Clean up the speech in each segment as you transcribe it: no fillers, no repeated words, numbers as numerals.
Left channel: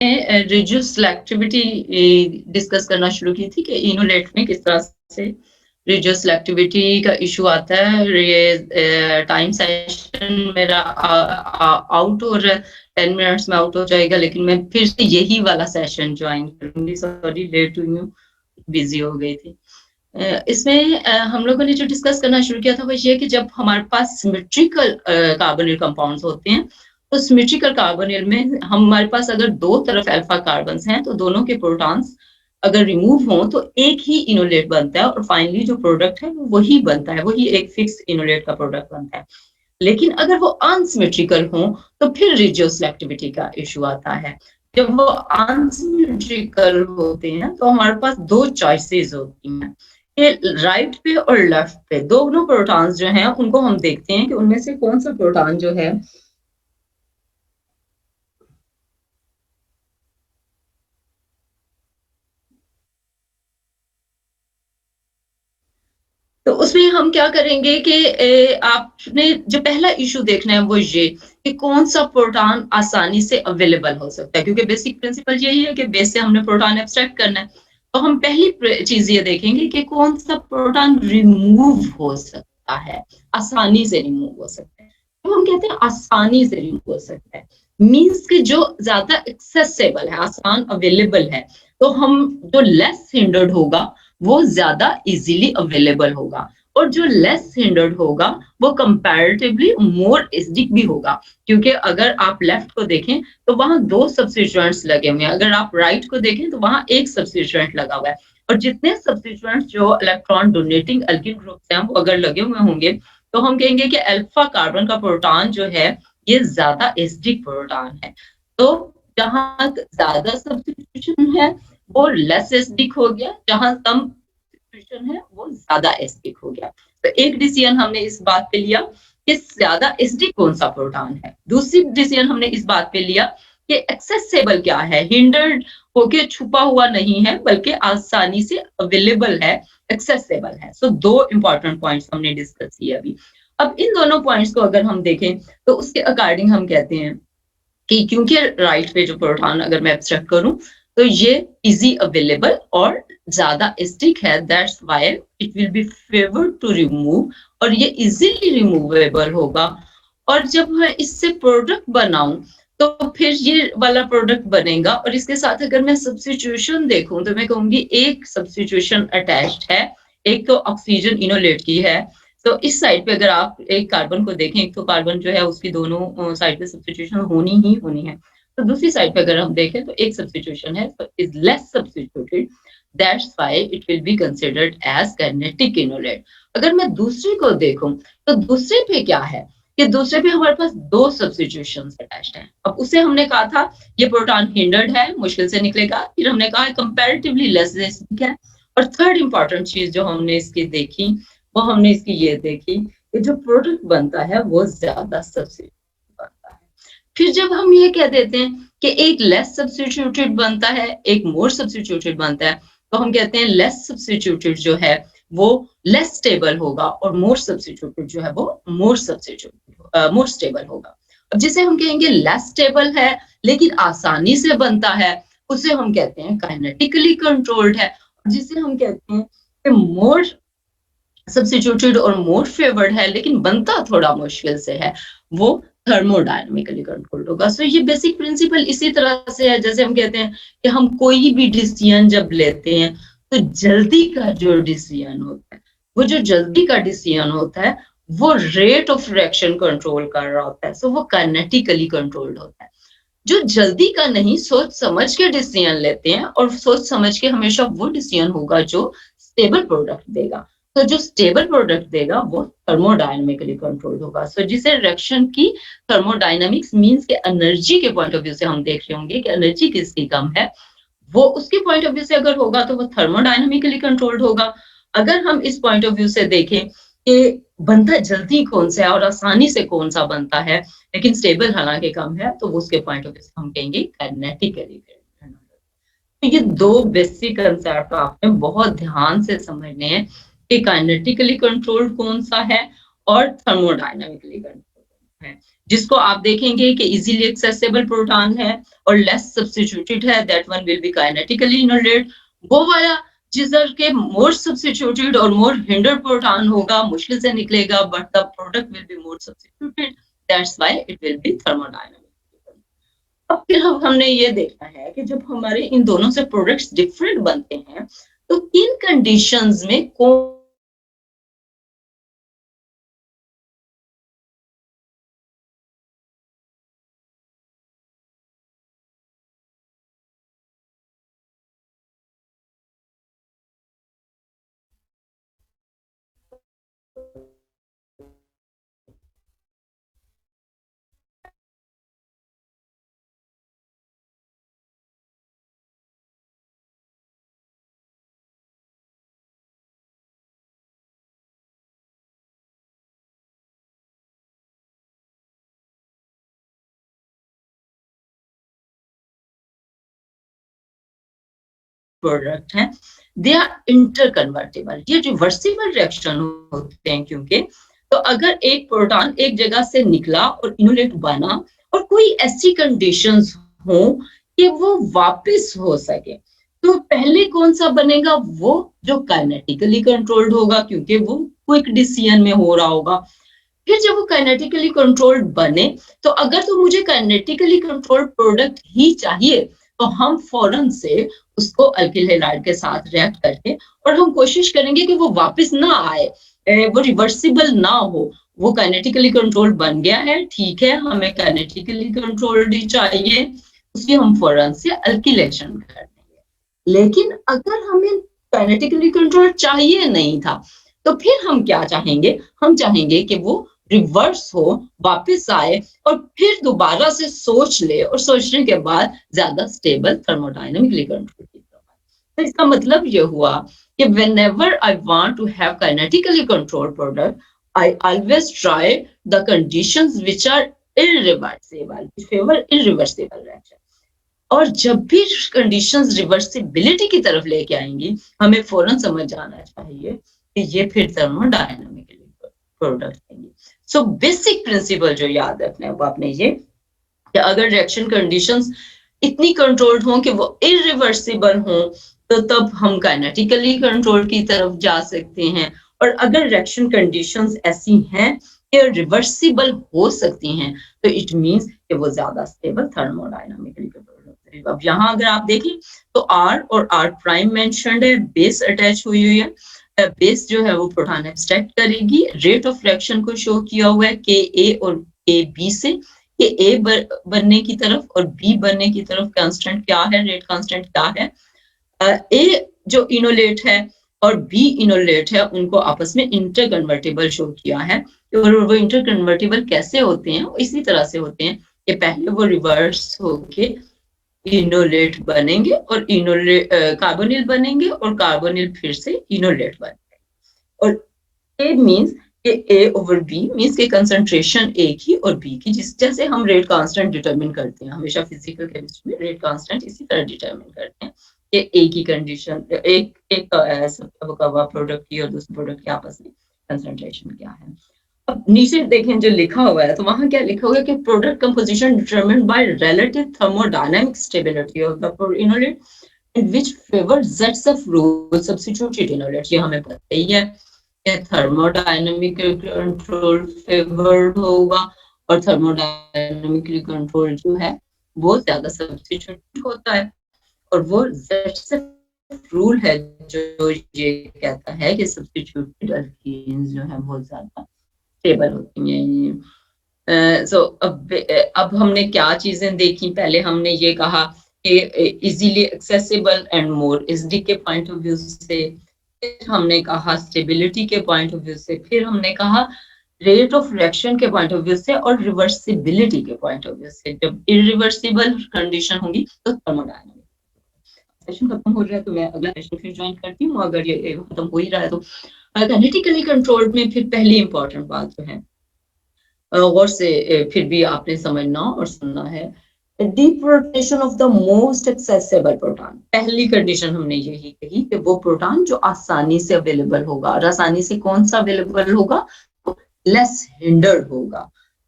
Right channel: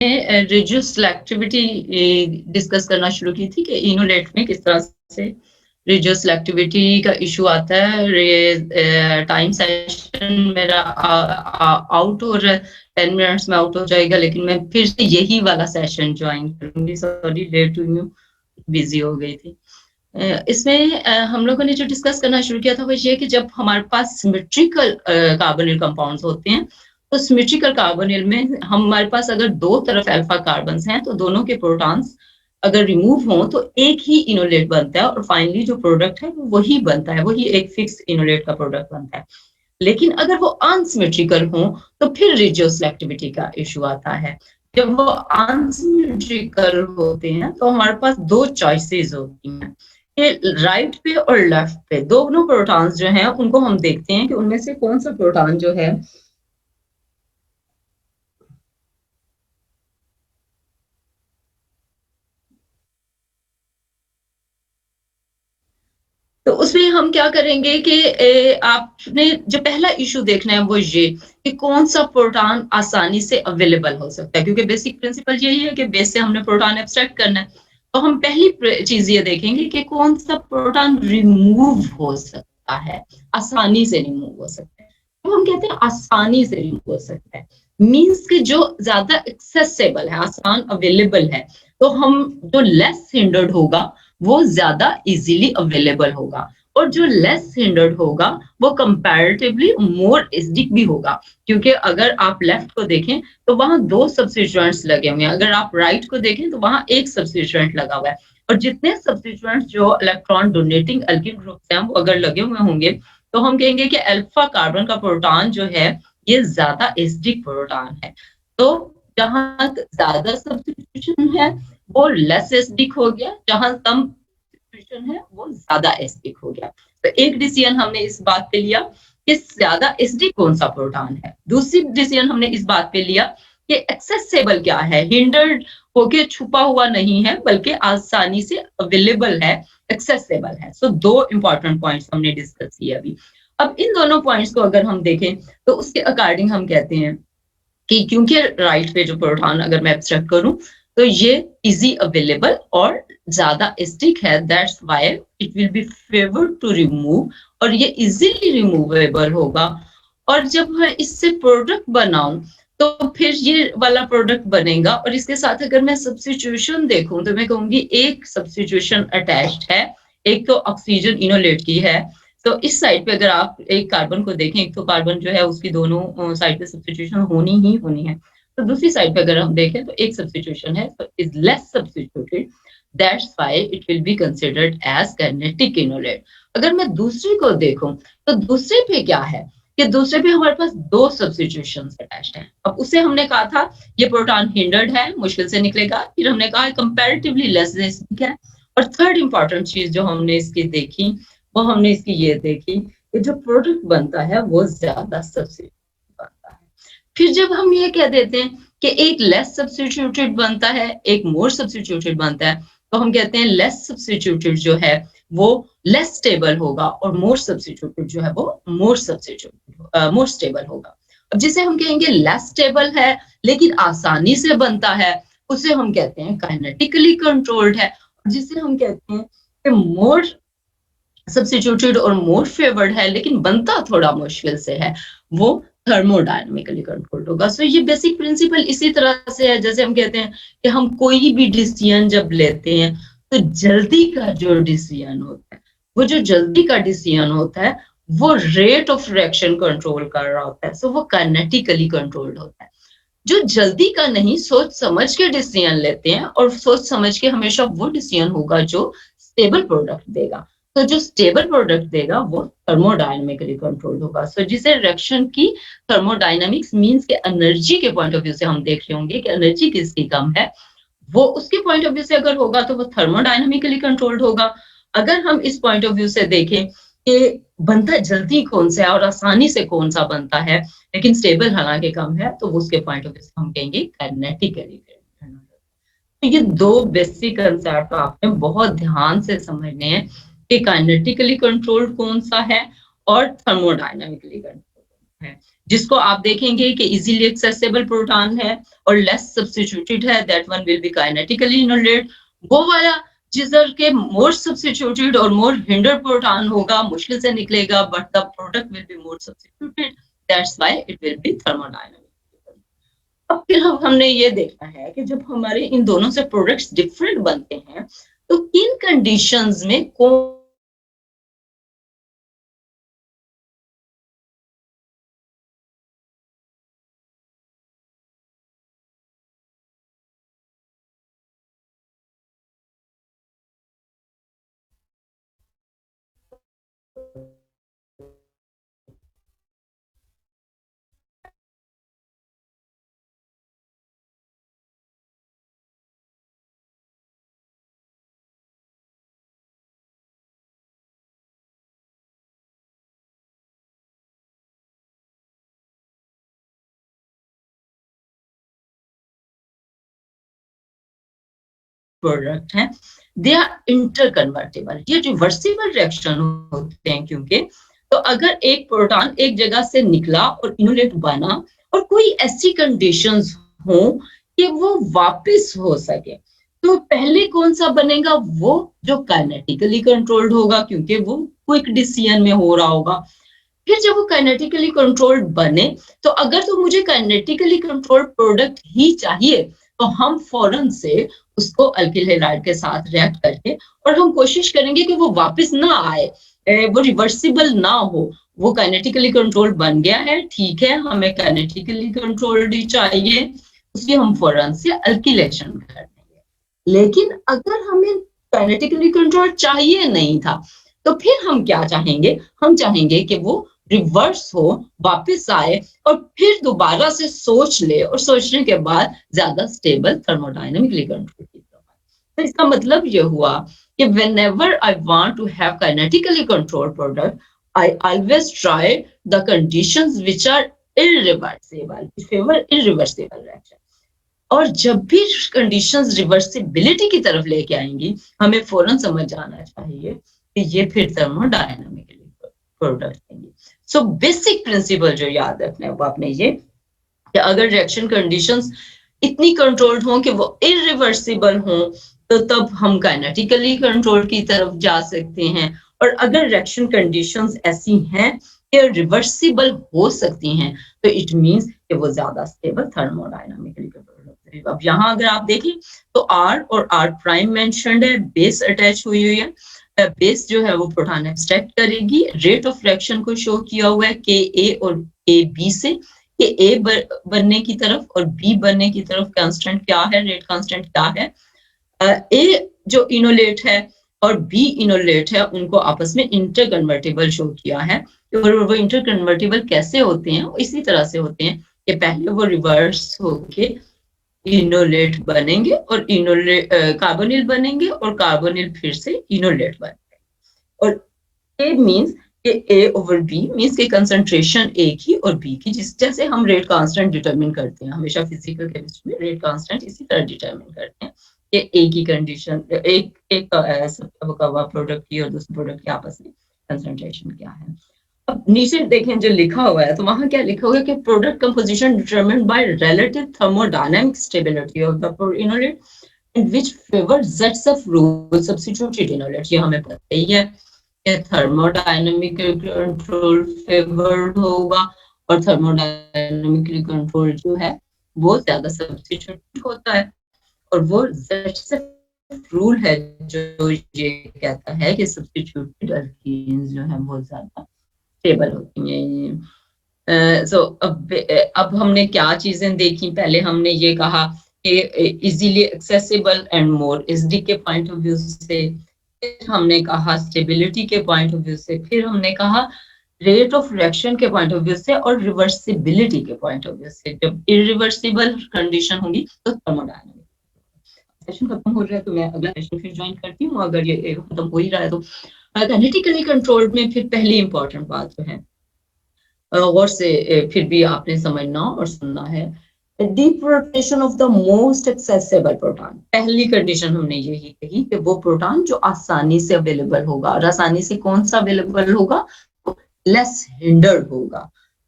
Reduce selectivity discuss करना शुरू की थी कि इनोलेट में किस तरह से रिड्यूस सिलेक्टिविटी का इशू आता है। ये टाइम सेशन मेरा आउट हो रहा है, 10 मिनट्स में आउट हो जाएगा, लेकिन मैं फिर से यही वाला सेशन ज्वाइन करूंगी। सॉरी, लेट हुई हूँ, बिजी हो गई थी। इसमें हम लोगों ने जो डिस्कस करना शुरू किया था वो ये कि जब हमारे पास सिमेट्रिकल कार्बोनिल कंपाउंड्स होते हैं, तो सिमेट्रिकल कार्बोनिल में हमारे पास अगर दो तरफ अल्फा कार्बन्स हैं तो दोनों के प्रोटॉन्स अगर रिमूव हो तो एक ही इनोलेट बनता है, और फाइनली जो प्रोडक्ट है वो वही बनता है, वही एक फिक्स इनोलेट का प्रोडक्ट बनता है। लेकिन अगर वो अनसिमेट्रिकल हो तो फिर रिड्यूस सिलेक्टिविटी का इशू आता है। जब वो अनसिमेट्रिकल होते हैं तो हमारे पास दो चॉइसेस होती हैं, राइट पे और लेफ्ट पे दोनों प्रोटॉन्स जो हैं उनको हम देखते हैं कि उनमें से कौन सा प्रोटॉन जो है तो उसमें हम क्या करेंगे कि आपने जो पहला इशू देखना है वो ये कि कौन सा प्रोटॉन आसानी से अवेलेबल हो सकता है, क्योंकि बेसिक प्रिंसिपल यही है कि बेस से हमने प्रोटॉन एब्स्ट्रैक्ट करना है। तो हम पहली चीज ये देखेंगे कि कौन सा प्रोटॉन रिमूव हो सकता है, आसानी से रिमूव हो सकता है। तो हम कहते हैं आसानी से रिमूव हो सकता है, मीन्स कि जो ज्यादा एक्सेसिबल है, आसान अवेलेबल है। तो हम जो लेस हिंडर्ड होगा वो ज्यादा इजीली अवेलेबल होगा, और जो लेस हिंडर्ड होगा वो कंपैरेटिवली मोर एसिडिक भी होगा, क्योंकि अगर आप लेफ्ट को देखें तो वहां दो सब्स्टिट्यूएंट्स लगे हुए हैं, अगर आप राइट को देखें तो वहां एक सब्स्टिट्यूएंट लगा हुआ है। और जितने सब्स्टिट्यूएंट्स जो इलेक्ट्रॉन डोनेटिंग अल्किल ग्रुप्स हैं वो अगर लगे हुए होंगे तो हम कहेंगे कि अल्फा कार्बन का प्रोटॉन जो है ये ज्यादा एसिडिक प्रोटॉन है। तो जहां ज्यादा सब्स्टिट्यूशन है वो लेस एसिडिक हो गया, जहां कम सब्स्टिट्यूशन है वो ज्यादा एसिडिक हो गया। तो एक डिसीजन हमने इस बात पे लिया कि ज्यादा एसिडिक कौन सा प्रोटॉन है। दूसरी डिसीजन हमने इस बात पे लिया कि एक्सेसिबल क्या है, हिंडर्ड होके छुपा हुआ नहीं है बल्कि आसानी से अवेलेबल है, एक्सेसिबल है। सो दो इंपॉर्टेंट पॉइंट्स हमने डिस्कस किए अभी। अब इन दोनों पॉइंट्स को अगर हम देखें तो उसके अकॉर्डिंग हम कहते हैं कि क्योंकि राइट पे जो प्रोटॉन अगर मैं एब्स्ट्रैक्ट करूं तो ये इजी अवेलेबल और ज्यादा एसिडिक है, that's why it will be favoured to remove, और ये इजीली रिमूवेबल होगा। और जब मैं इससे प्रोडक्ट बनाऊं तो फिर ये वाला प्रोडक्ट बनेगा। और इसके साथ अगर मैं सब्स्टिट्यूशन देखूं तो मैं कहूंगी एक सब्स्टिट्यूशन अटैच्ड है, एक तो ऑक्सीजन इनोलेट की है। तो इस साइड पे अगर आप एक कार्बन को देखें, एक तो कार्बन जो है उसकी दोनों साइड पे सब्स्टिट्यूशन होनी ही होनी है। तो दूसरी साइड पे अगर हम देखें तो एक सब्स्टिट्यूशन है, तो is less substituted, that's why it will be considered as kinetic enolate. अगर मैं दूसरे को देखूं तो दूसरे पे क्या है कि दूसरे पे हमारे पास दो सब्स्टिट्यूशंस अटैच्ड हैं। अब उसे हमने कहा था ये प्रोटॉन हिंडर्ड है, मुश्किल से निकलेगा, फिर हमने कहा कंपैरेटिवली लेस एसिडिक है। और थर्ड इंपॉर्टेंट चीज जो हमने इसकी देखी वो हमने इसकी ये देखी कि जो प्रोडक्ट बनता है वो ज्यादा सब्स्टिट्यूट बनता है। फिर जब हम ये कह देते हैं कि एक लेस सब्स्टिट्यूटेड बनता है, एक मोर सब्स्टिट्यूटेड बनता है, तो हम कहते हैं लेस सब्स्टिट्यूटेड जो है वो लेस स्टेबल होगा और मोर सब्स्टिट्यूटेड जो है वो मोर स्टेबल होगा। अब जिसे हम कहेंगे लेस स्टेबल है लेकिन आसानी से बनता है, उसे हम कहते हैं काइनेटिकली कंट्रोल्ड है। जिसे हम कहते हैं कि मोर सब्स्टिट्यूटेड और मोर फेवर्ड है लेकिन बनता थोड़ा मुश्किल से है, वो थर्मोडायनामिकली कंट्रोल्ड होगा। सो ये बेसिक प्रिंसिपल इसी तरह से है जैसे हम कहते हैं कि हम कोई भी डिसीजन जब लेते हैं तो जल्दी का जो डिसीजन होता है, वो जो जल्दी का डिसीजन होता है वो रेट ऑफ रिएक्शन कंट्रोल कर रहा होता है, सो वो काइनेटिकली कंट्रोल्ड होता है। जो जल्दी का नहीं, सोच समझ के डिसीजन लेते हैं, और सोच समझ के हमेशा वो डिसीजन होगा जो स्टेबल प्रोडक्ट देगा। तो जो स्टेबल प्रोडक्ट देगा वो थर्मोडायनामिकली कंट्रोल्ड होगा। सो जिसे रिएक्शन की थर्मोडायनामिक्स मींस के एनर्जी के पॉइंट ऑफ व्यू से हम देख रहे होंगे कि एनर्जी किसकी कम है, वो उसके पॉइंट ऑफ व्यू से अगर होगा तो वो थर्मोडायनामिकली कंट्रोल्ड होगा। अगर हम इस पॉइंट ऑफ व्यू से देखें कि बनता जल्दी कौन सा है और आसानी से कौन सा बनता है लेकिन स्टेबल हालांकि कम है, तो उसके पॉइंट ऑफ व्यू से हम कहेंगे काइनेटिकली। तो ये दो बेसिक कंसेप्ट आपने बहुत ध्यान से समझने हैं कि काइनेटिकली कंट्रोल्ड कौन सा है और थर्मोडायनामिकली कंट्रोल्ड है। जिसको आप देखेंगे कि इजीली एक्सेसिबल प्रोटॉन है और लेस सब्स्टिट्यूटेड है, that one will be kinetically enolate. वो वाला जिधर के मोर सब्स्टिट्यूटेड और मोर हिंडर प्रोटॉन होगा, मुश्किल से निकलेगा, but the product will be more substituted, that's why it will be thermodynamic. अब फिर हमने ये देखा है कि जब हमारे इन दोनों से प्रोडक्ट्स डिफरेंट बनते हैं तो किन कंडीशंस में कौन प्रोडक्ट हैं, दे आर इंटरकन्वर्टेबल, ये रिवर्सिबल रिएक्शन होते हैं। क्योंकि तो अगर एक प्रोटॉन एक जगह से निकला और इनोलेट बना और कोई ऐसी कंडीशंस हो कि वो वापस हो सके, तो पहले कौन सा बनेगा? वो जो काइनेटिकली कंट्रोल्ड होगा, क्योंकि वो क्विक डिसीजन में हो रहा होगा। फिर जब वो काइनेटिकली कंट्रोल्ड बने, तो अगर तो मुझे काइनेटिकली कंट्रोल्ड प्रोडक्ट ही चाहिए, तो हम फौरन से उसको अल्किल हैलाइड के साथ रिएक्ट करके और हम कोशिश करेंगे कि वो वापस ना आए, वो रिवर्सिबल ना हो। वो काइनेटिकली कंट्रोल्ड बन गया है, ठीक है, हमें काइनेटिकली कंट्रोल्ड ही चाहिए, उसकी हम फौरन से अल्किलेशन कर देंगे। लेकिन अगर हमें काइनेटिकली कंट्रोल चाहिए नहीं था, तो फिर हम क्या चाहेंगे? हम चाहेंगे कि वो रिवर्स हो, वापस आए और फिर दोबारा से सोच ले और सोचने के बाद ज्यादा स्टेबल थर्मोडायनेमिकली कंट्रोल की तरफ। तो इसका मतलब ये हुआ कि whenever I want to have kinetically controlled product, I always try the conditions which are irreversible, favor irreversible reaction। और जब भी कंडीशंस रिवर्सिबिलिटी की तरफ लेके आएंगी, हमें फौरन समझ जाना चाहिए कि ये फिर थर्मोडायनामिकली प्रोडक्ट देंगे। सो बेसिक प्रिंसिपल जो याद रखना है वो आपने ये कि अगर रिएक्शन कंडीशंस इतनी कंट्रोल्ड हों कि वो इरिवर्सिबल हों, तो तब हम काइनेटिकली कंट्रोल की तरफ जा सकते हैं। और अगर रिएक्शन कंडीशंस ऐसी हैं कि रिवर्सिबल हो सकती हैं, तो इट मींस कि वो ज्यादा स्टेबल थर्मोडायनामिकली कंट्रोल। अब यहाँ अगर आप देखें तो R और R प्राइम मेंशन्ड है, बेस अटैच हुई हुई है। बेस जो है वो प्रोटॉन एब्स्ट्रैक्ट करेगी। रेट ऑफ रिएक्शन को शो किया हुआ है के ए और के बी से, कि ए बनने की तरफ और बी बनने की तरफ कांस्टेंट क्या है, रेट कांस्टेंट क्या है। ए जो इनोलेट है और बी इनोलेट है, उनको आपस में इंटरकन्वर्टेबल शो किया है। और वो इंटरकन्वर्टेबल कैसे होते हैं? इसी तरह से होते हैं कि पहले वो रिवर्स होके इनोलेट बनेंगे और इनोलेट कार्बोनिल बनेंगे और कार्बोनिल फिर से इनोलेट बनेंगे। और ए मींस कि ए ओवर बी मींस के कंसंट्रेशन ए की और बी की, जिस जैसे हम रेट कांस्टेंट डिटरमिन करते हैं हमेशा फिजिकल केमिस्ट्री में, रेट कांस्टेंट इसी तरह डिटरमिन करते हैं कि ए की कंडीशन, एक प्रोडक्ट की और दूसरे प्रोडक्ट के आपस में कंसंट्रेशन क्या है। अब नीचे देखें जो लिखा हुआ है, तो वहां क्या लिखा हुआ है कि product composition determined by relative thermodynamic stability of the enolate in which favour sets of rule substituted enolate. ये हमें पता ही है कि थर्मोडायनामिक कंट्रोल फेवर्ड होगा और थर्मोडायनामिकली कंट्रोल जो है वो ज्यादा सब्स्टिट्यूट होता है। और वो सेट्स ऑफ रूल है जो ये कहता है कि सब्स्टिट्यूटेड अल्कीन्स जो है वो ज्यादा स्टेबल होती हैं। सो अब हमने क्या चीजें देखी? पहले हमने ये कहा कि easily accessible and more SD के पॉइंट ऑफ व्यू से, फिर हमने कहा स्टेबिलिटी के पॉइंट ऑफ व्यू से, फिर हमने कहा रेट ऑफ रिएक्शन के पॉइंट ऑफ व्यू से और रिवर्सिबिलिटी के पॉइंट ऑफ व्यू से। जब इरिवर्सिबल कंडीशन होगी तो थर्मोडायनामिक। सेशन खत्म हो रहा है तो मैं अगला सेशन फिर ज्वाइन करती हूँ, अगर ये खत्म हो ही रहा है तो। काइनेटिकली कंट्रोल्ड में फिर पहली इंपॉर्टेंट बात जो है गौर से फिर भी आपने समझना और सुनना है, deep rotation of the most accessible proton. पहली कंडीशन हमने यही कही कि वो प्रोटॉन जो आसानी से अवेलेबल होगा। और आसानी से कौन सा अवेलेबल होगा? तो लेस हिंडर्ड होगा।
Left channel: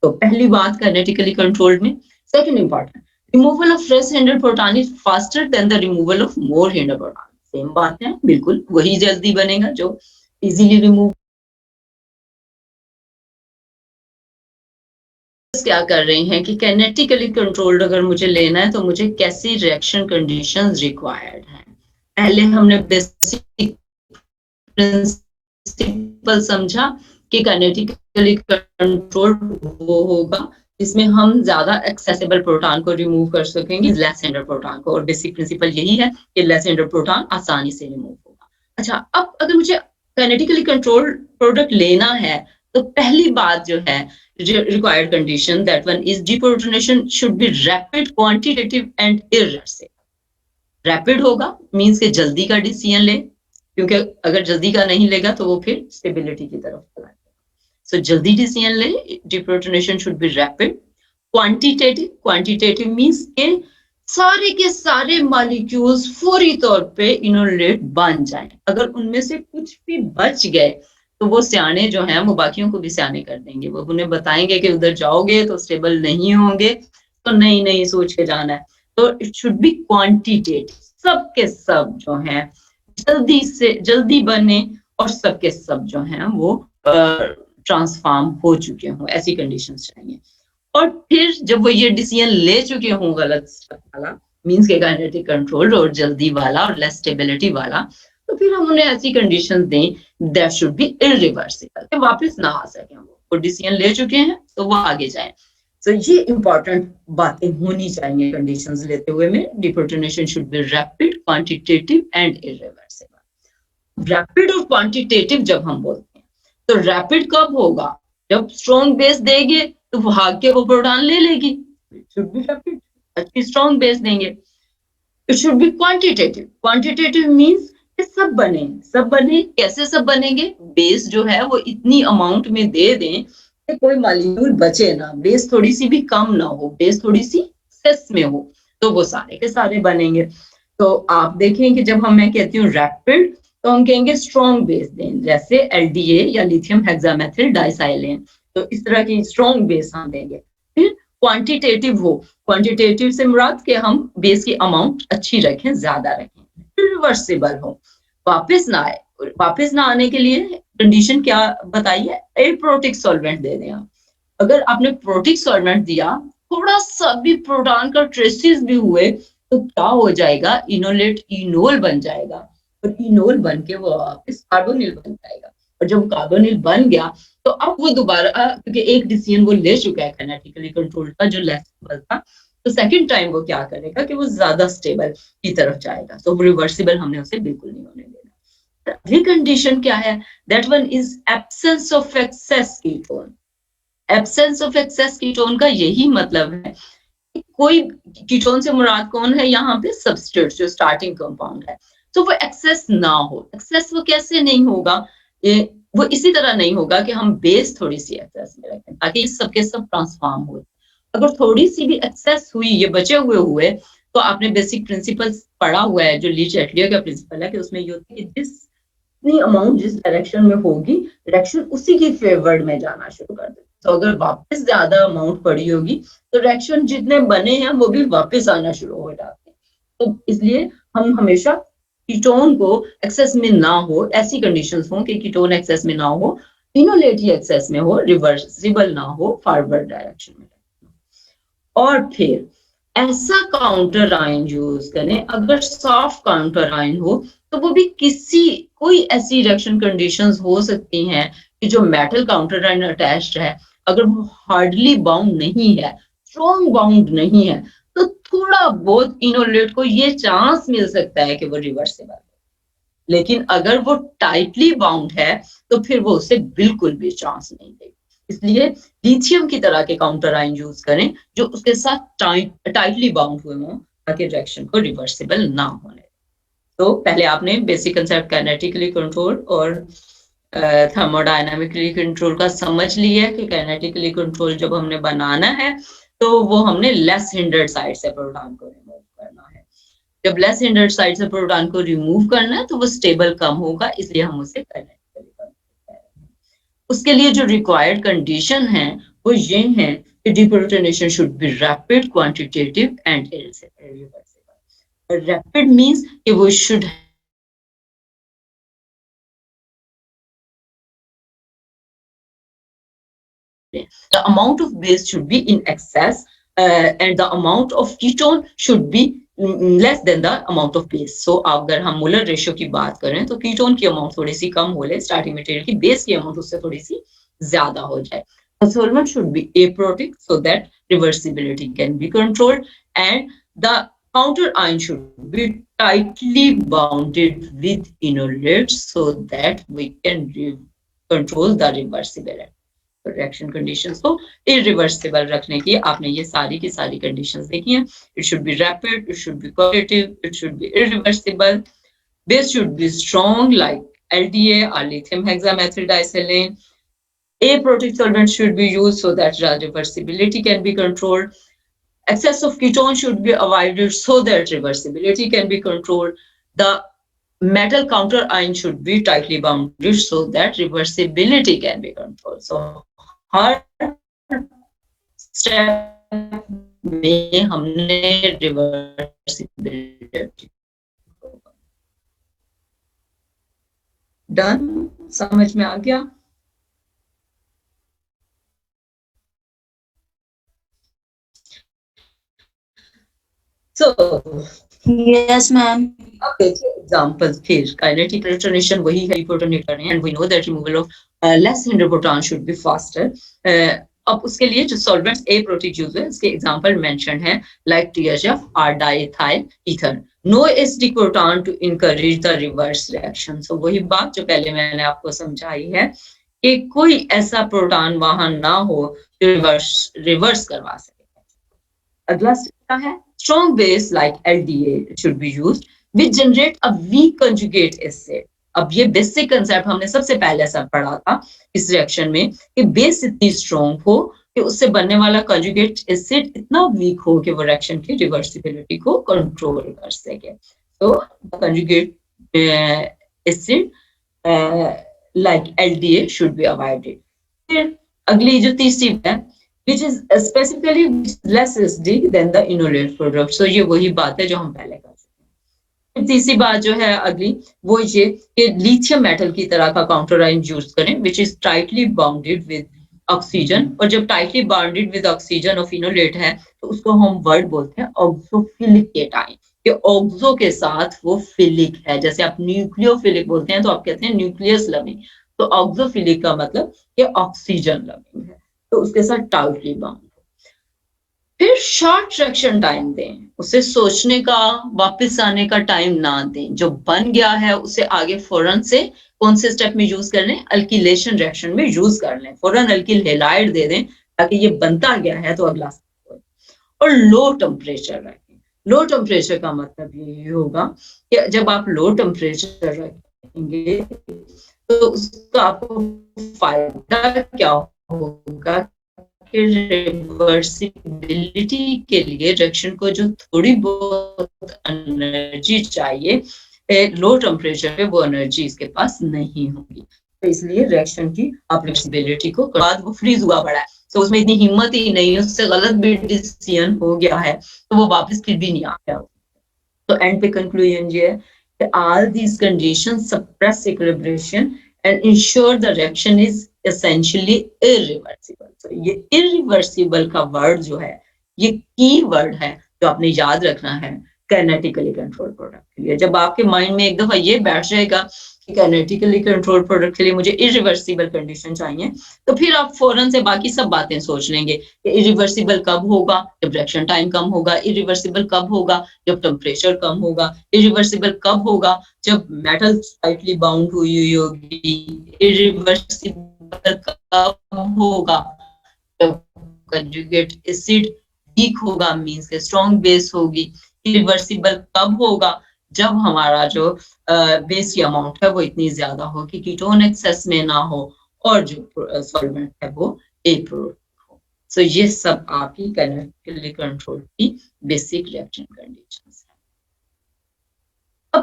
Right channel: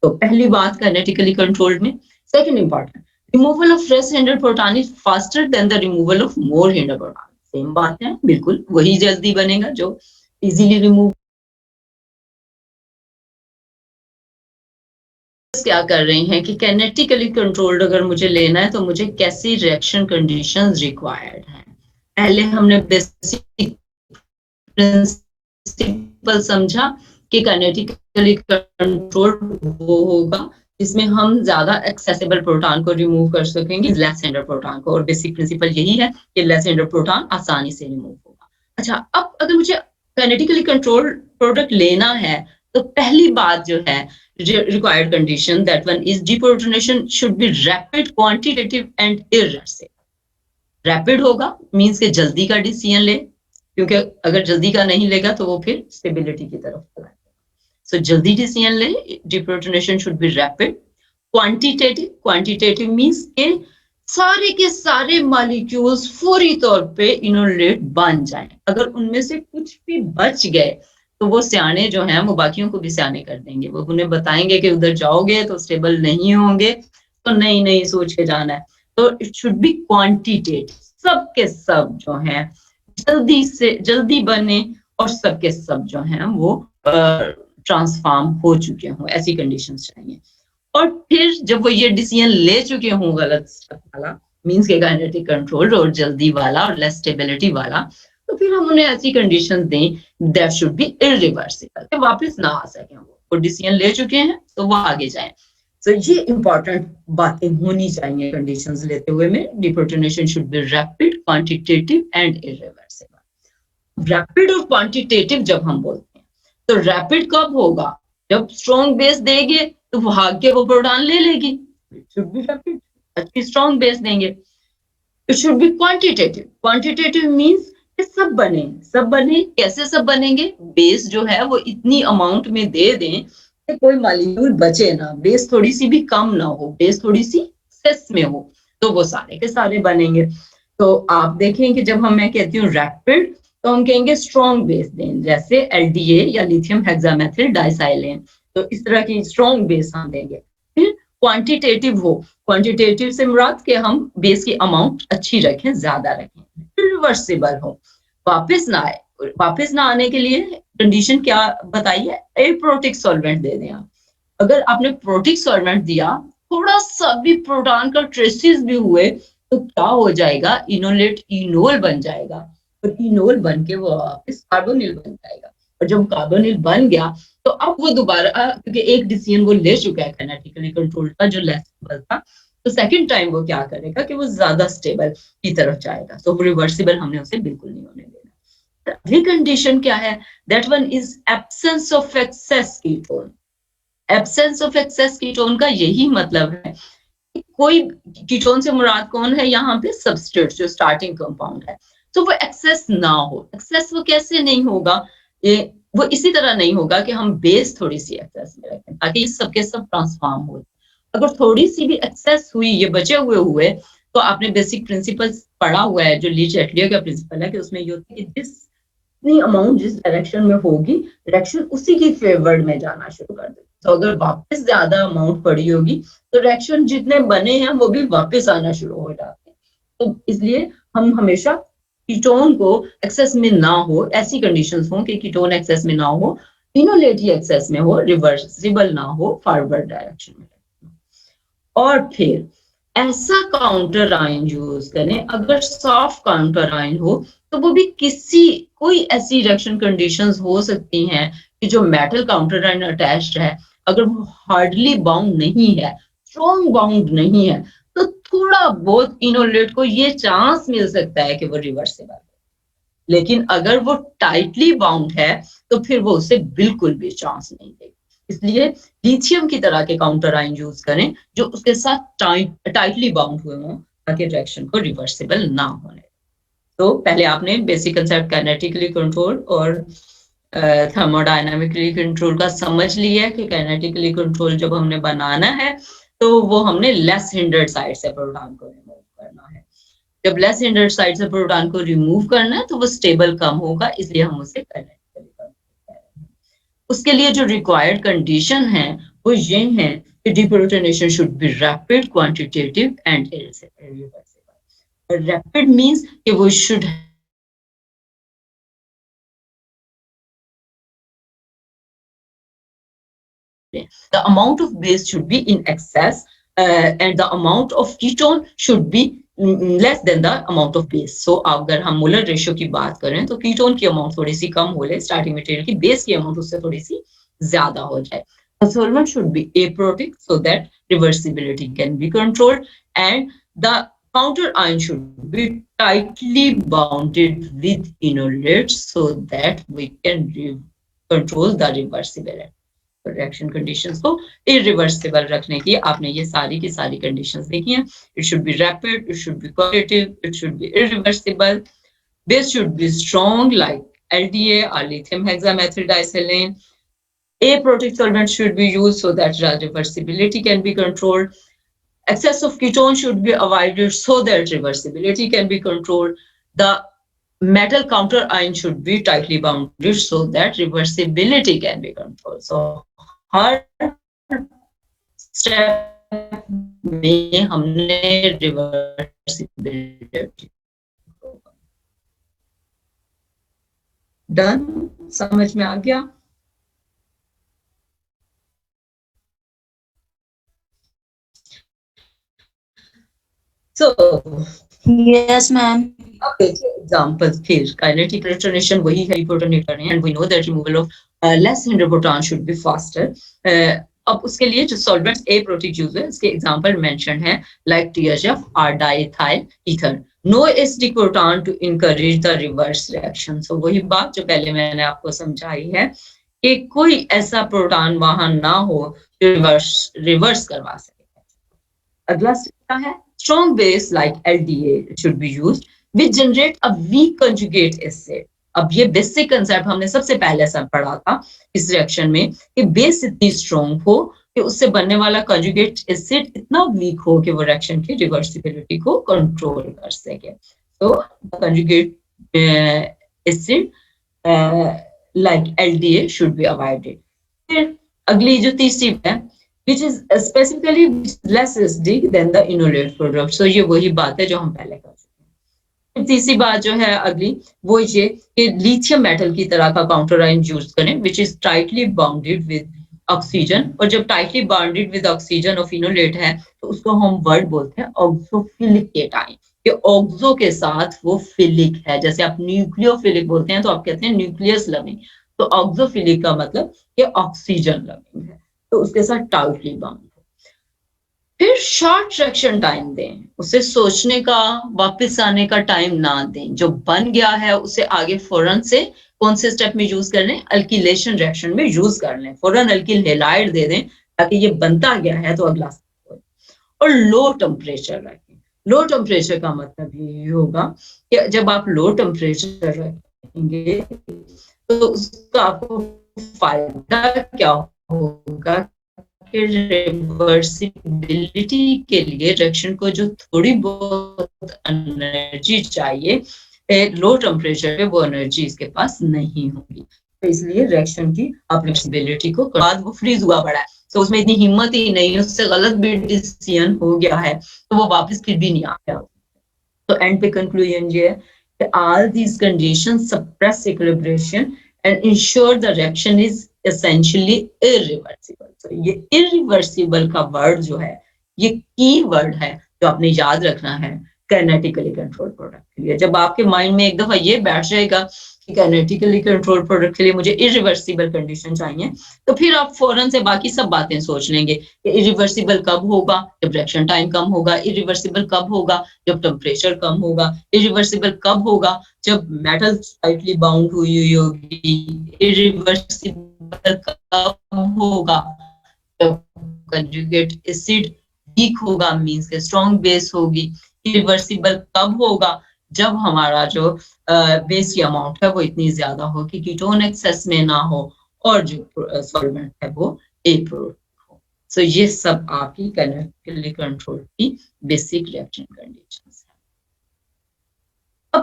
तो पहली बात काइनेटिकली कंट्रोल्ड में। Second important, removal of less hinder proton is faster than the removal of more hinder proton. Same बात है, बिल्कुल वही जल्दी बनेगा जो इजीली रिमूव। क्या कर रहे हैं कि काइनेटिकली कंट्रोल्ड अगर मुझे लेना है तो मुझे कैसी रिएक्शन कंडीशंस रिक्वायर्ड हैं। पहले हमने बेसिक प्रिंसिपल समझा कि काइनेटिकली कंट्रोल्ड वो होगा जिसमें हम ज्यादा एक्सेसिबल प्रोटॉन को रिमूव कर सकेंगे लेस हिंडर प्रोटॉन को, और बेसिक प्रिंसिपल यही है कि लेस हिंडर प्रोटॉन आसानी से रिमूव होगा। अच्छा, अब अगर मुझे काइनेटिकली कंट्रोल्ड प्रोडक्ट लेना है तो पहली बात जो है required condition, that one is deprotonation should be rapid, quantitative and irreversible। Rapid होगा मींस के जल्दी का डिसीजन ले, क्योंकि अगर जल्दी का नहीं लेगा तो वो फिर स्टेबिलिटी की तरफ चला जाएगा। सो जल्दी डिसीजन ले, deprotonation should be rapid। Quantitative means के सारे के सारे मॉलिक्यूल्स फौरी तौर पे इनोलेट बन जाएं। अगर उनमें से कुछ भी बच गए तो वो सियाने जो हैं वो बाकियों को भी सियाने कर देंगे। वो उन्हें बताएंगे कि उधर जाओगे तो स्टेबल नहीं होंगे, तो नई सोच के जाना है। तो इट शुड बी क्वांटिटेटिव, सब के सब जो हैं जल्दी बने और सब के सब जो हैं वो ट्रांसफॉर्म हो चुके हों, ऐसी कंडीशंस चाहिए। और फिर जब वो ये डिसीजन ले चुके हों गलत स्टेप वाला मींस के काइनेटिक कंट्रोल और जल्दी वाला और लेस स्टेबिलिटी वाला, तो फिर हम उन्हें ऐसी कंडीशन दें दैट शुड बी इरिवर्सिबल, कि वापस ना आ सके। वो डिसीजन ले चुके हैं तो वो आगे जाए। तो ये इंपॉर्टेंट बातें होनी चाहिए कंडीशंस लेते हुए में। डिप्रोटोनेशन should be rapid, quantitative and irreversible. Rapid और क्वांटिटेटिव जब हम बोलते हैं तो रैपिड कब होगा? जब स्ट्रॉन्ग बेस देंगे तो भाग के वो प्रोटॉन ले लेगी। इट शुड बी रैपिड, अच्छी स्ट्रॉन्ग बेस देंगे। It should be quantitative. Quantitative means सब बने। कैसे सब बनेंगे? बेस जो है वो इतनी अमाउंट में दे दें कि कोई मॉलिक्यूल बचे ना, बेस थोड़ी सी भी कम ना हो, बेस थोड़ी सी एक्सेस में हो, तो वो सारे के सारे बनेंगे। तो आप देखें कि जब मैं कहती हूँ रैपिड तो हम कहेंगे स्ट्रॉन्ग बेस दें, जैसे एलडीए या लिथियम हेक्सामेथिल डाइसाइलेन, तो इस तरह की स्ट्रॉन्ग बेस हम देंगे। फिर क्वांटिटेटिव हो, क्वांटिटेटिव से मुराद कि हम बेस की अमाउंट अच्छी रखें, ज्यादा रखें। रिवर्सिबल हो, वापस ना आने के लिए कंडीशन क्या बताइए? एप्रोटिक सॉल्वेंट दे दें आप। अगर आपने प्रोटिक सॉल्वेंट दिया, थोड़ा सा भी प्रोटॉन का ट्रेसेस भी हुए तो क्या हो जाएगा? इनोल बन जाएगा, और इनोल बन के वो वापस कार्बोनिल बन जाएगा। और जब कार्बोनिल बन गया तो अब वो दोबारा, क्योंकि एक डिसीजन वो ले चुका है काइनेटिकली कंट्रोल्ड का जो लेस स्टेबल था, तो सेकंड टाइम वो क्या करेगा कि वो ज्यादा स्टेबल की तरफ जाएगा। तो रिवर्सिबल हमने उसे बिल्कुल नहीं होने देना। अगली कंडीशन क्या है? That one is absence of access ketone. Absence of access ketone का यही मतलब है कि कोई कीटोन से मुराद कौन है यहाँ पे? सबस्ट्रेट, जो स्टार्टिंग कंपाउंड है, तो वो एक्सेस ना हो। एक्सेस वो कैसे नहीं होगा? वो इसी तरह नहीं होगा कि हम बेस थोड़ी सी एक्सेस में रखें ताकि सबके सब ट्रांसफॉर्म हो। अगर थोड़ी सी भी एक्सेस हुई, ये बचे हुए तो आपने बेसिक प्रिंसिपल पढ़ा हुआ है जो लीच एटलियर का प्रिंसिपल है, कि उसमें ये होता है कि जितनी अमाउंट जिस डायरेक्शन में होगी, डायरेक्शन उसी की फेवर्ड में जाना शुरू कर देती। तो अगर वापस ज्यादा अमाउंट पड़ी होगी तो डायरेक्शन जितने बने हैं वो भी वापस आना शुरू हो जाते हैं। तो इसलिए हम हमेशा कीटोन को एक्सेस में ना हो, ऐसी कंडीशंस हो कि कीटोन एक्सेस में ना हो, इनोलेट ही एक्सेस में हो, रिवर्सिबल ना हो, फॉरवर्ड डायरेक्शन में। और फिर ऐसा काउंटर आयन यूज करें, अगर सॉफ्ट काउंटर आयन हो तो वो भी कोई ऐसी रिएक्शन कंडीशंस हो सकती हैं कि जो मेटल काउंटर आयन अटैच्ड है, अगर वो हार्डली बाउंड नहीं है, स्ट्रॉन्ग बाउंड नहीं है, तो थोड़ा बहुत इनोलेट को ये चांस मिल सकता है कि वो रिवर्सिबल है। लेकिन अगर वो टाइटली बाउंड है तो फिर वो उसे बिल्कुल भी चांस नहीं देगी। इसलिए लिथियम की तरह के काउंटर आयन यूज करें जो उसके साथ टाइटली बाउंड हुए हों, ताकि रिएक्शन को रिवर्सिबल ना होने। तो पहले आपने बेसिक कंसेप्ट काइनेटिकली कंट्रोल और थर्मोडायनामिकली कंट्रोल का समझ लिया कि काइनेटिकली कंट्रोल जब हमने बनाना है तो वो हमने लेस हिंडर्ड साइड से प्रोटॉन को रिमूव करना है। जब लेस हिंडर्ड साइड से प्रोटॉन को रिमूव करना है तो वो स्टेबल कम होगा, इसलिए हम उसे काइनेटिकली कंट्रोल कर रहे हैं। उसके लिए जो रिक्वायर्ड कंडीशन है वो ये हैं कि deprotonation should be rapid, quantitative and irreversible. Rapid means कि वो should the amount of base should be in excess and the amount of ketone should be less than the amount of base. So अगर हम molar ratio की बात करें तो ketone की amount थोड़ी सी कम हो ले स्टार्टिंग मटेरियल की, बेस की अमाउंट उससे थोड़ी सी ज्यादा हो जाए. The solvent should be aprotic so that reversibility can be controlled and the counter ion should be tightly bounded with enolates so that we can control the reversibility. Reaction conditions को irreversible रखने की आपने ये सारी की सारी conditions देखी हैं. It should be rapid, it should be qualitative, it should be irreversible, base should be strong like LDA or lithium hexamethyl disilane. Aprotic solvent should be used so that reversibility can be controlled. Excess of ketone should be avoided so that reversibility can be controlled. The metal counter ion should be tightly bounded so that reversibility can be controlled. So her step में हमने reversibility done. समझ में आ गया? So yes ma'am. Okay, example फिर kinetic retonation वही है reprotonate कर रहे हैं and we know that removal of less hindered proton should be faster. अब उसके लिए जो solvents aprotic use है इसके example mentioned है like THF or diethyl ether. No acidic proton to encourage the reverse reaction. So वही बात जो पहले मैंने आपको समझाई है कि कोई ऐसा प्रोटॉन वहां ना हो जो रिवर्स करवा सके. अगला स्टेप है strong base like LDA should be used which generate a weak conjugate acid. अब ये बेसिक कंसेप्ट हमने सबसे पहले सब पढ़ा था इस रिएक्शन में कि बेस इतनी स्ट्रॉन्ग हो कि उससे बनने वाला कंजुगेट एसिड इतना वीक हो कि वो रिएक्शन की रिवर्सिबिलिटी को कंट्रोल कर सके. तो conjugate acid like LDA should be avoided. फिर अगली जो तीसरी है which is specifically less acidic than the enolate product. So ये वही बात है जो हम पहले कर चुके हैं. तीसरी बात जो है अगली वो ये कि लिथियम मेटल की तरह का काउंटर आयन यूज करें which is tightly bounded with oxygen. और जब tightly bounded with oxygen और phenolate है तो उसको हम वर्ड बोलते हैं ऑक्सोफिलिक केटाइन. कि ऑक्सो के साथ वो फिलिक है. जैसे आप न्यूक्लियोफिलिक बोलते हैं तो आप कहते हैं न्यूक्लियस लविंग. तो ऑक्सोफिलिक का मतलब ये ऑक्सीजन लविंग है तो उसके साथ टाइटली बाउंड. फिर शॉर्ट रिएक्शन टाइम दें, उसे सोचने का वापस आने का टाइम ना दें. जो बन गया है उसे आगे फौरन से कौन से स्टेप में यूज कर लें? अल्किलेशन रिएक्शन में यूज कर लें. फौरन अल्किल हैलाइड दे दें ताकि ये बनता गया है तो अगला स्टेप हो. और लो टेम्परेचर रखें. लो टेम्परेचर का मतलब ये होगा कि जब आप लो टेम्परेचर रखेंगे तो उसका आपको फायदा क्या होगा कि रिवर्सिबिलिटी के लिए रिएक्शन को जो थोड़ी बहुत एनर्जी चाहिए लो टेम्परेचर पे वो एनर्जी इसके पास नहीं होगी. तो इसलिए रिएक्शन की फ्लेक्सिबिलिटी को बाद वो फ्रीज हुआ पड़ा है तो उसमें इतनी हिम्मत ही नहीं, उससे गलत भी डिसीजन हो गया है तो वो वापस फिर भी नहीं आ गया. तो एंड पे कंक्लूजन ये है कि all these conditions suppress equilibration and ensure the reaction is essentially irreversible. So ये irreversible का वर्ड जो है ये की वर्ड है जो आपने याद रखना है काइनेटिकली कंट्रोल प्रोडक्ट के लिए. जब आपके माइंड में एक दफा ये बैठ जाएगा कि काइनेटिकली कंट्रोल प्रोडक्ट के लिए मुझे इरिवर्सिबल कंडीशन चाहिए तो फिर आप फौरन से बाकी सब बातें सोच लेंगे कि इरिवर्सिबल कब होगा? जब रिएक्शन टाइम कम होगा. इरिवर्सिबल कब होगा? जब टेम्परेचर कम होगा. इरिवर्सिबल कब होगा? जब मेटल टाइटली बाउंड हुई होगी. इरिवर्सिबल कब होगा? जब कंजुगेट एसिड वीक होगा मींस के स्ट्रॉन्ग बेस होगी. इरिवर्सिबल कब होगा? जब हमारा जो बेस की अमाउंट है वो इतनी ज्यादा हो कि कीटोन एक्सेस में ना हो और जो सॉल्वेंट है वो एप्रोटिक हो. सो ये सब आपकी काइनेटिकली कंट्रोल की बेसिक रिएक्शन कंडीशंस है. अब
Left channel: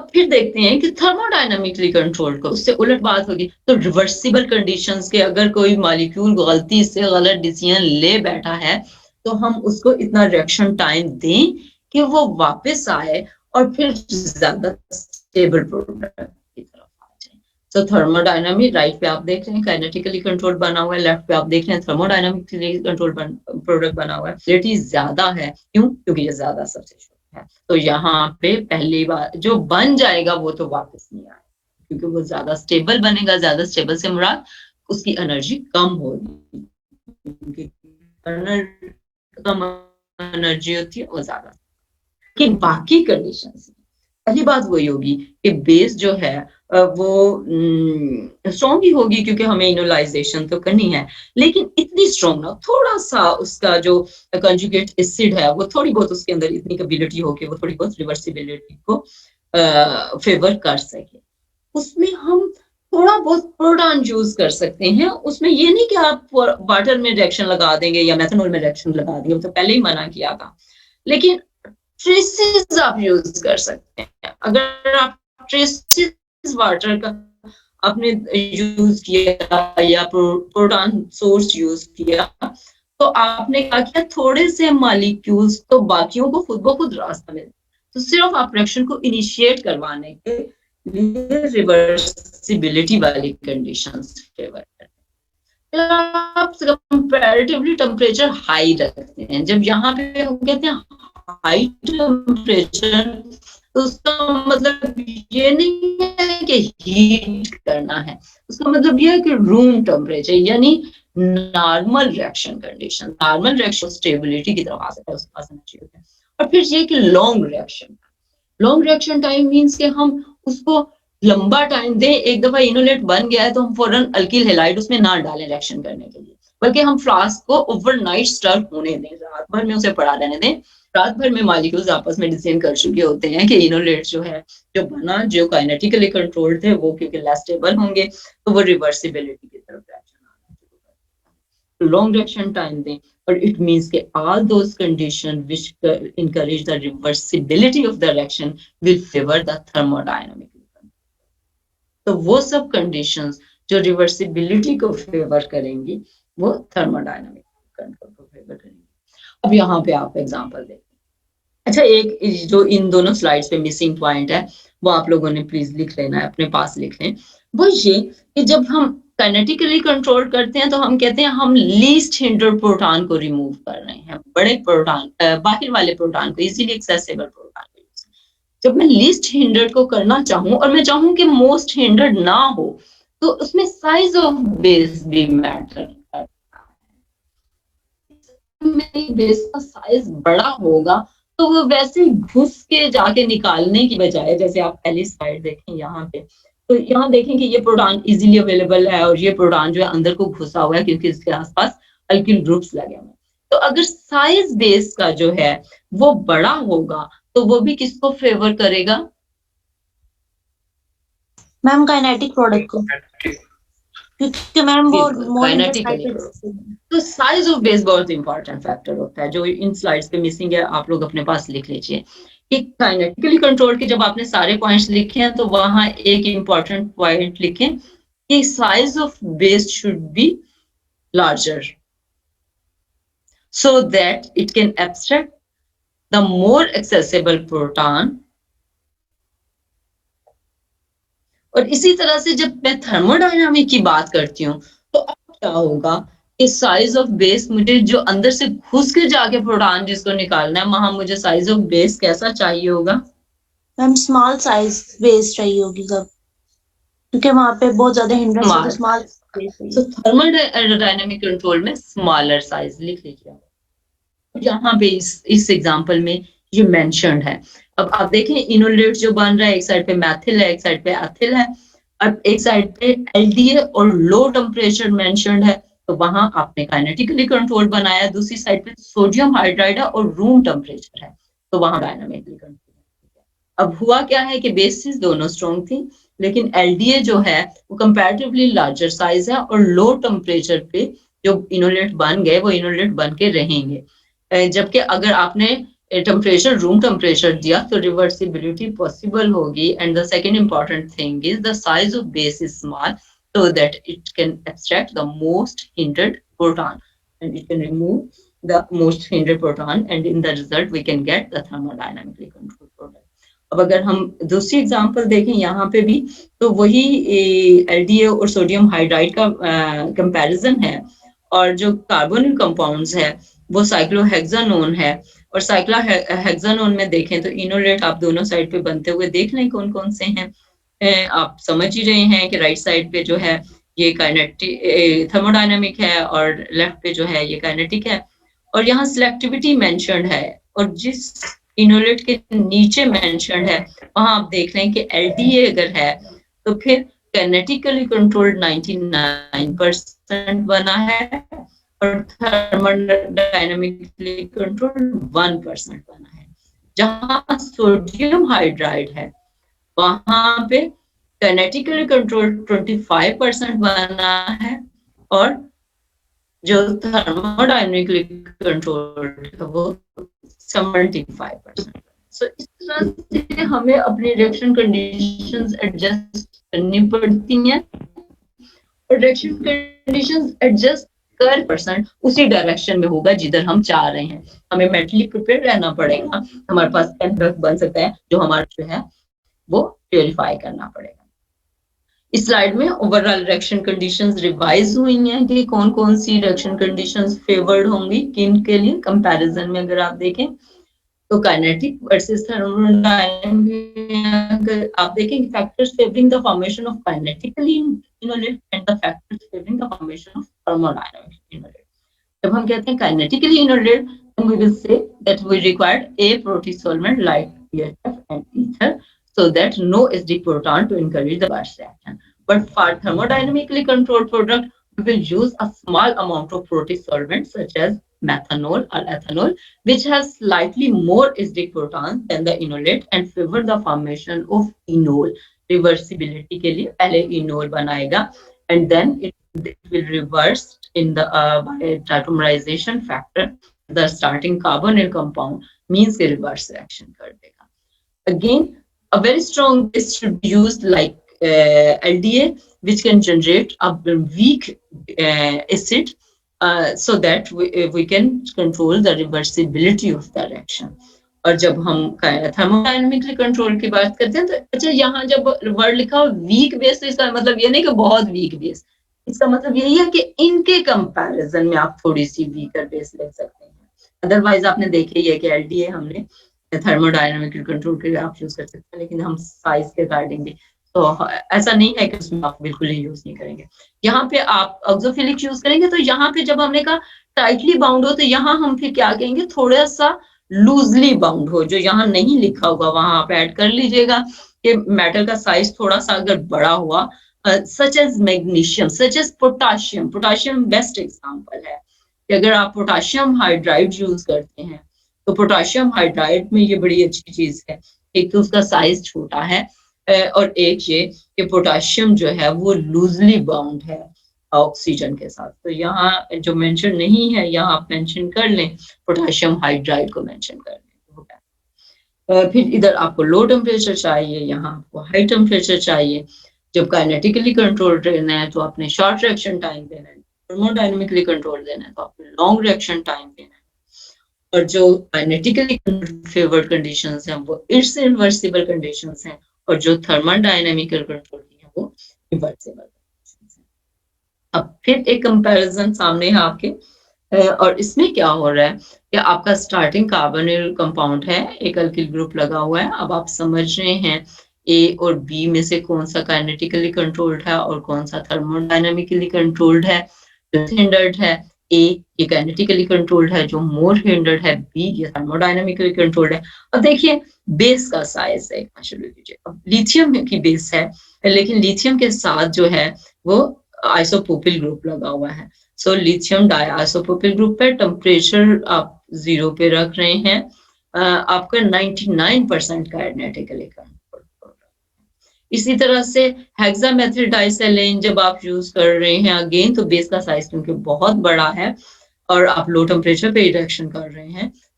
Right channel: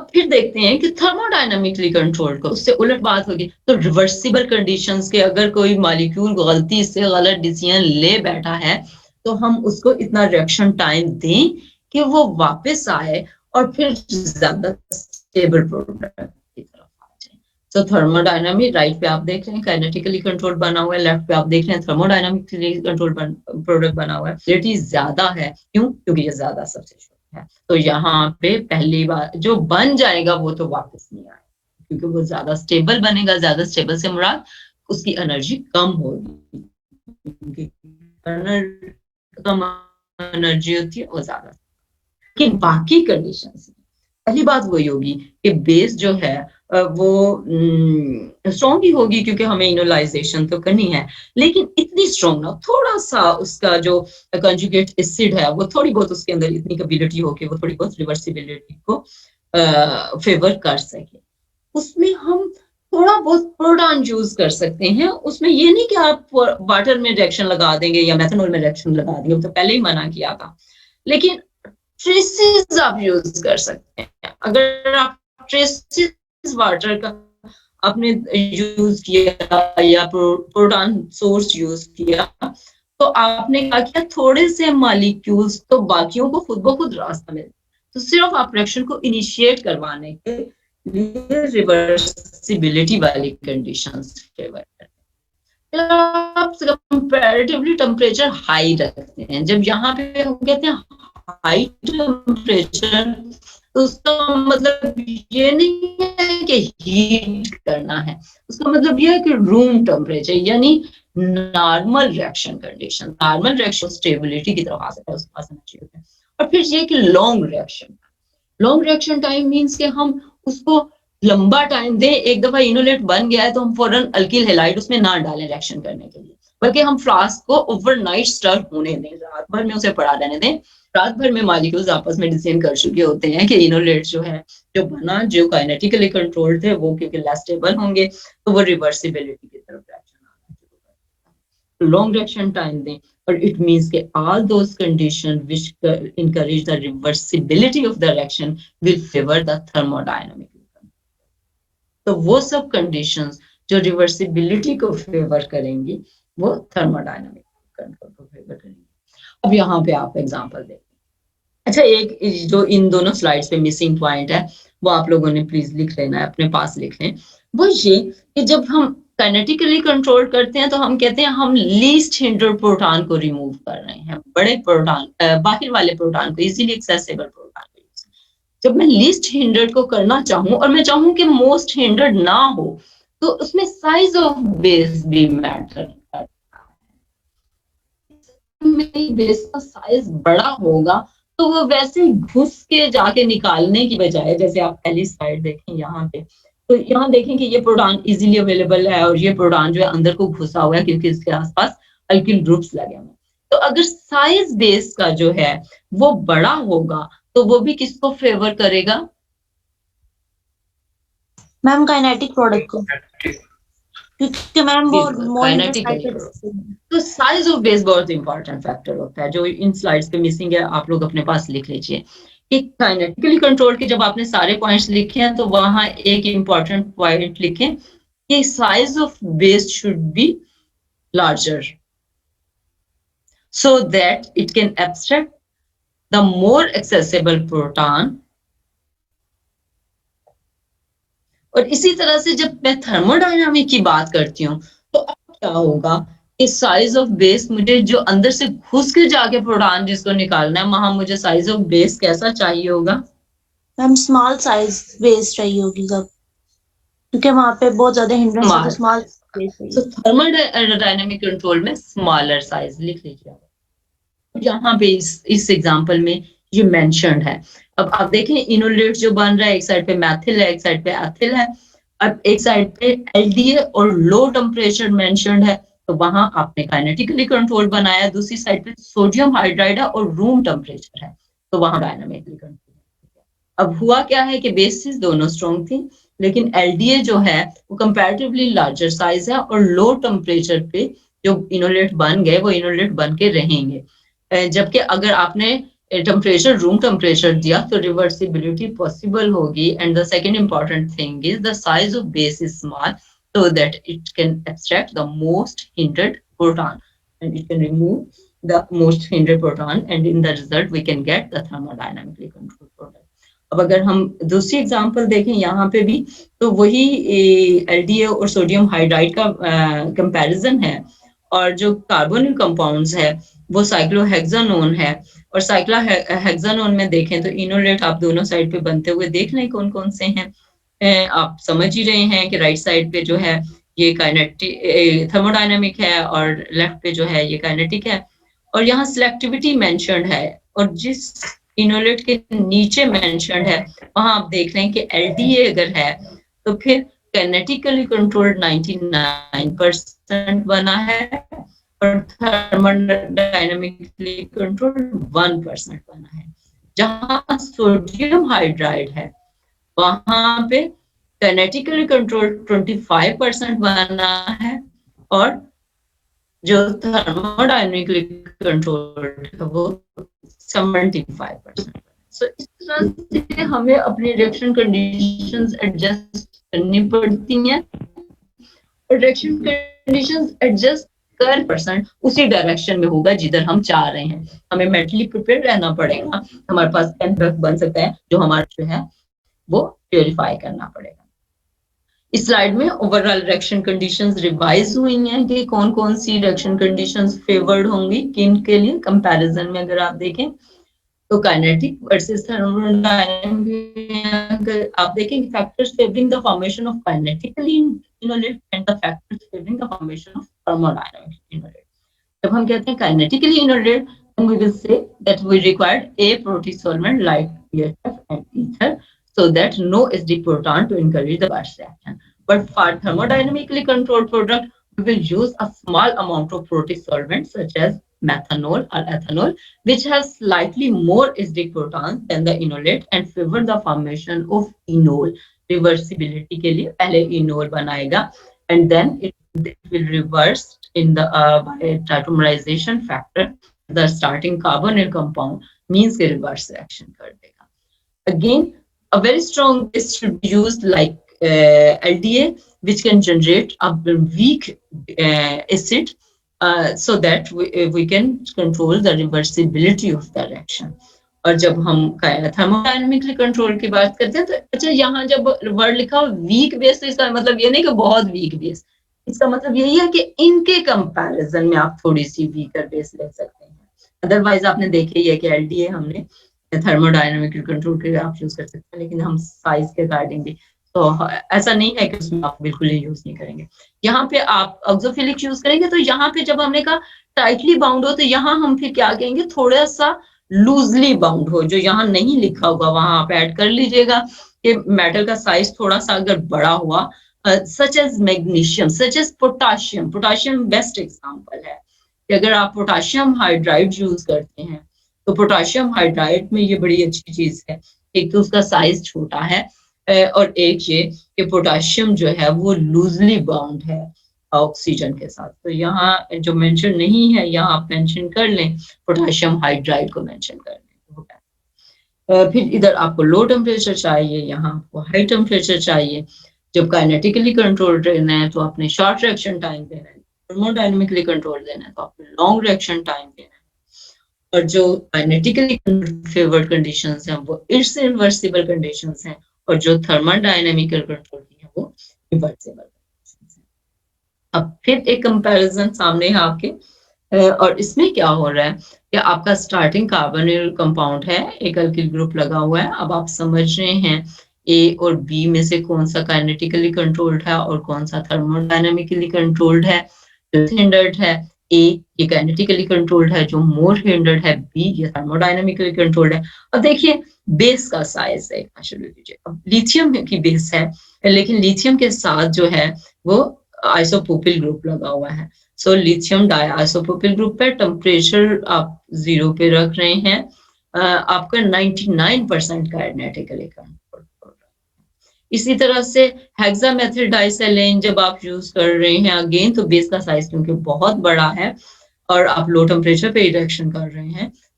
फिर देखते हैं कि थर्मोडायनामिकली कंट्रोल्ड को उससे उलट बात होगी। तो रिवर्सिबल कंडीशंस के अगर कोई मॉलिक्यूल गलती से गलत डिसीजन ले बैठा है तो हम उसको इतना रिएक्शन टाइम दें कि वो वापस आए और फिर ज्यादा स्टेबल प्रोडक्ट की तरफ आ जाए। तो थर्मोडायनामिक राइट पे आप देख रहे हैं काइनेटिकली कंट्रोल बना हुआ है, लेफ्ट पे आप देख रहे हैं थर्मोडायनामिकली कंट्रोल प्रोडक्ट बना हुआ है। रिलेटिव ज्यादा है, क्यों? क्योंकि ये ज्यादा सब्स्टिट्यूट है। तो यहाँ पे पहली बार जो बन जाएगा वो तो वापस नहीं आएगा, क्योंकि वो ज्यादा स्टेबल बनेगा। ज्यादा स्टेबल से मुराद उसकी एनर्जी कम होगी, कम एनर्जी होती है वो ज्यादा। लेकिन बाकी कंडीशंस पहली बात वही होगी कि बेस जो है वो स्ट्रॉन्ग ही होगी, क्योंकि हमें इनोलाइजेशन तो करनी है, लेकिन इतनी स्ट्रॉन्ग ना, थोड़ा सा उसका जो कंजुगेट एसिड है वो थोड़ी बहुत उसके अंदर इतनी कैपेबिलिटी हो कि वो थोड़ी बहुत रिवर्सिबिलिटी को फेवर कर सके। उसमें हम थोड़ा बहुत प्रोटॉन यूज कर सकते हैं। उसमें ये नहीं कि आप वाटर में रिएक्शन लगा देंगे या मेथनॉल में रिएक्शन लगा देंगे, वो तो पहले ही मना किया था। लेकिन ट्रेसेस आप यूज कर सकते हैं। अगर आप ट्रेसेस वाटर का आपने यूज किया या प्रोटॉन सोर्स यूज किया, तो आपने क्या किया, थोड़े से मॉलिक्यूल्स तो बाकियों को खुद ब खुद रास्ता मिले। तो सिर्फ आप रिएक्शन को इनिशिएट करवाने के लिए रिवर्सिबिलिटी वाली कंडीशंस फेवर करते हैं। आप कंपैरेटिवली टेम्परेचर हाई रखते हैं। जब यहाँ पे हम कहते हैं हाई टेम्परेचर, तो उसका मतलब ये नहीं है कि हीट करना है, उसका मतलब ये है कि रूम टेम्परेचर, यानी normal reaction condition, normal reaction stability की तरफ आ सकता है, उसके पास एनर्जी होती है। और फिर ये कि लॉन्ग रिएक्शन टाइम मींस कि हम उसको लंबा टाइम दें। एक दफा इनोलेट बन गया है तो हम फौरन अल्किल हैलाइड उसमें ना डालें रिएक्शन करने के लिए, बल्कि हम फ्लास्क को ओवरनाइट स्टर होने दें, रात भर में उसे पड़ा रहने दें। रात भर में मॉलिक्यूल्स आपस में डिजाइन कर चुके होते हैं कि इनोलेट जो है, जो बना, जो काइनेटिकली कंट्रोल्ड थे, वो क्योंकि लेस स्टेबल होंगे तो वो रिवर्सिबिलिटी की तरफ रिएक्शन आना शुरू कर दें। लॉन्ग रिएक्शन टाइम दें, और इट मींस कि all those conditions which encourage the reversibility of the reaction will favor the thermodynamic. तो वो सब कंडीशंस जो रिवर्सिबिलिटी को फेवर करेंगी वो थर्मोडायनामिक कंट्रोल को फेवर करेंगी। अब यहाँ पे आप एग्जांपल देखिए। अच्छा, एक जो इन दोनों स्लाइड्स पे मिसिंग पॉइंट है वो आप लोगों ने प्लीज लिख लेना है, अपने पास लिख लें। वो ये कि जब हम काइनेटिकली कंट्रोल करते हैं तो हम कहते हैं हम लीस्ट हिंडर प्रोटॉन को रिमूव कर रहे हैं, बड़े प्रोटॉन, बाहर वाले प्रोटॉन को, इजीली एक्सेसिबल प्रोटॉन को। जब मैं लीस्ट हिंडर्ड को करना चाहूं और मैं चाहूं कि मोस्ट हिंडर्ड ना हो, तो उसमें साइज ऑफ बेस भी मैटर करता है। मेरी बेस का साइज बड़ा होगा तो वो वैसे घुस के जाके निकालने की बजाय, जैसे आप पहली स्लाइड देखें यहाँ पे, तो यहाँ देखें कि ये प्रोटॉन इजीली अवेलेबल है और ये प्रोटॉन जो है अंदर को घुसा हुआ है क्योंकि इसके आसपास अल्किल ग्रुप्स लगे हुए हैं। तो अगर साइज बेस का जो है वो बड़ा होगा तो वो भी किसको फेवर करेगा? मैम काइनेटिक प्रोडक्ट को, क्योंकि मैम वो काइनेटिकली। तो साइज ऑफ बेस बहुत इंपॉर्टेंट फैक्टर होता है, जो इन स्लाइड्स पे मिसिंग है, आप लोग अपने पास लिख लीजिए कि काइनेटिकली कंट्रोल के जब आपने सारे पॉइंट्स लिखे हैं तो वहां एक इंपॉर्टेंट पॉइंट लिखें कि size of base should be larger so that it can abstract the more accessible proton। और इसी तरह से जब मैं थर्मोडायनामिक की बात करती हूँ तो अब क्या होगा कि साइज ऑफ बेस, मुझे जो अंदर से घुस के जाके प्रोटॉन जिसको निकालना है, वहां मुझे साइज ऑफ बेस कैसा चाहिए होगा? मैम स्मॉल साइज बेस चाहिए होगी सब, क्योंकि वहां पे बहुत ज्यादा हिंड्रेंस है, तो स्मॉल। तो थर्मोडायनामिक कंट्रोल में स्मॉलर साइज लिख लीजिए। यहाँ पे इस एग्जांपल में ये मेंशन्ड है। अब आप देखें इनोलेट जो बन रहा है, एक साइड पे मैथिल है, एक साइड पे एथिल है, अब एक साइड पे एलडीए और लो टेम्परेचर मेंशन्ड है, तो वहां आपने काइनेटिकली कंट्रोल बनाया। दूसरी साइड पे सोडियम हाइड्राइड है और रूम टेम्परेचर है, तो वहां डायनामिकली कंट्रोल। अब हुआ क्या है कि बेसिस दोनों स्ट्रॉन्ग थी, लेकिन एलडीए जो है वो कंपैरेटिवली लार्जर साइज है और लो टेम्परेचर पे जो इनोलेट बन गए वो इनोलेट बन के रहेंगे। जबकि अगर आपने टेम्परेचर रूम टेम्परेचर दिया तो रिवर्सिबिलिटी पॉसिबल होगी। And the second important thing is the size of base is small so that it can abstract the most hindered proton and it can remove the most hindered proton and in the result we can get the thermodynamically controlled product। अब अगर हम दूसरी example देखें यहाँ पे भी तो वही एलडीए और सोडियम हाइड्राइड का कंपैरिजन है और जो कार्बोनिल कंपाउंड्स है वो साइक्लोहेक्सानोन है और साइक्लोहेक्सानोन में देखें तो इनोलेट आप दोनों साइड पे बनते हुए देख लें कौन कौन से हैं। आप समझ ही रहे हैं कि राइट साइड पे जो है ये काइनेटिक थर्मोडायनामिक है और लेफ्ट पे जो है ये काइनेटिक है और यहाँ सिलेक्टिविटी मेंशन्ड है और जिस इनोलेट के नीचे मेंशन्ड है वहां आप देख रहे हैं कि एलडीए अगर है तो फिर काइनेटिकली कंट्रोल्ड 99% बना है और थर्मोडायनामिकली कंट्रोल्ड 1% बना है। जहां सोडियम हाइड्राइड है वहां पे काइनेटिकली कंट्रोल 25% बना है और जो थर्मोडायनामिकली कंट्रोल्ड है वो 75%। सो इस तरह से हमें अपनी रिएक्शन कंडीशंस एडजस्ट करनी पड़ती हैं और रिएक्शन कंडीशंस एडजस्ट कर परसेंट उसी डायरेक्शन में होगा जिधर हम चाह रहे हैं। हमें मेंटली प्रिपेयर रहना पड़ेगा। हमारे पास एंड बन सकता है जो हमारा जो है वो प्योरीफाई करना पड़ेगा। इस स्लाइड में ओवरऑल रिएक्शन कंडीशंस रिवाइज हुई हैं कि कौन कौन सी रिएक्शन कंडीशंस फेवर्ड होंगी किन के लिए। कंपैरिजन में अगर आप देखें तो काइनेटिक वर्सेस थर्मोडायनामिक आप देखें factors favouring the formation of kinetically enolate and the factors favouring the formation of thermodynamic enolate. जब हम कहते हैं kinetically enolate then we will say that we required a protosolvent like PHF and ether so that no SD proton to encourage the reverse reaction. But for thermodynamically controlled product, we will use a small amount of protosolvent such as methanol or ethanol, which has slightly more SD protons than the inolate and favor the formation of enol. Reversibility के लिए पहले enol बनाएगा and then it will reverse in the by tautomerization factor. The starting carbonyl compound means the reverse reaction कर देगा. Again, a very strong base should be used like LDA, which can generate a weak acid so that we can control the reversibility of the reaction. और जब हम thermodynamically control की बात करते हैं तो अच्छा यहाँ जब वर्ड लिखा हो वीक बेस तो इसका मतलब ये नहीं कि बहुत वीक बेस, इसका मतलब यही है कि इनके कंपैरिजन में आप थोड़ी सी वीकर बेस ले सकते हैं। अदरवाइज आपने देखे ही है कि एलडीए हमने थर्मोडायनामिकली कंट्रोल के लिए आप यूज कर सकते हैं लेकिन हम साइज के अकॉर्डिंग भी तो ऐसा नहीं है कि उसमें आप बिल्कुल ही यूज नहीं करेंगे। यहाँ पे आप ऑक्सोफिलिक यूज करेंगे तो यहाँ पे जब हमने कहा टाइटली बाउंड हो तो यहाँ हम फिर क्या कहेंगे थोड़ा सा लूजली बाउंड हो। जो यहाँ नहीं लिखा होगा वहां आप ऐड कर लीजिएगा कि मेटल का साइज थोड़ा सा अगर बड़ा हुआ such as magnesium such as potassium. Potassium best example है कि अगर आप पोटाशियम हाइड्राइड यूज करते हैं तो पोटाशियम हाइड्राइड में ये बड़ी अच्छी चीज है, एक तो उसका साइज छोटा है और एक ये कि पोटाशियम जो है वो लूजली बाउंड है ऑक्सीजन के साथ। तो यहाँ जो मेंशन नहीं है यहाँ आप मेंशन कर लें, पोटाशियम हाइड्राइड को मेंशन कर लें। फिर इधर आपको लो टेम्परेचर चाहिए, यहाँ आपको हाई टेम्परेचर चाहिए। जब काइनेटिकली कंट्रोल रहना है तो आपने शॉर्ट रिएक्शन टाइम देना है, थर्मोडायनामिकली कंट्रोल देना है तो आपको लॉन्ग रिएक्शन टाइम देना है। और जो काइनेटिकली फेवर्ड कंडीशंस हैं वो इरिवर्सिबल कंडीशंस हैं और जो थर्मोडायनामिकल कंट्रोल की है वो रिवर्सिबल कंडीशंस हैं। अब फिर एक कंपैरिजन सामने है आपके और इसमें क्या हो रहा है कि आपका स्टार्टिंग कार्बोनिल कंपाउंड है, एक अल्किल ग्रुप लगा हुआ है। अब आप समझ रहे हैं ए और बी में से कौन सा काइनेटिकली कंट्रोल्ड है और कौन सा थर्मोडायनामिकली कंट्रोल्ड है। जो हिंडर्ड है ए ये काइनेटिकली कंट्रोल्ड है, जो मोर हिंडर्ड है बी ये थर्मोडायनामिकली कंट्रोल्ड है। अब देखिए बेस का साइज है शुरू कीजिए। अब लिथियम की बेस है लेकिन लिथियम के साथ जो है वो आइसोप्रोपिल ग्रुप लगा हुआ है। सो लिथियम डाइआइसोप्रोपिल ग्रुप पे टेम्परेचर आप 0 पे रख रहे हैं, आपका 99% काइनेटिकली कंट्रोल्ड। इसी तरह से हेक्सामेथिल डाइसेलेन जब आप यूज कर रहे हैं अगेन तो बेस का साइज क्योंकि बहुत बड़ा है और आप लो टेम्परेचर पे रिएक्शन कर रहे हैं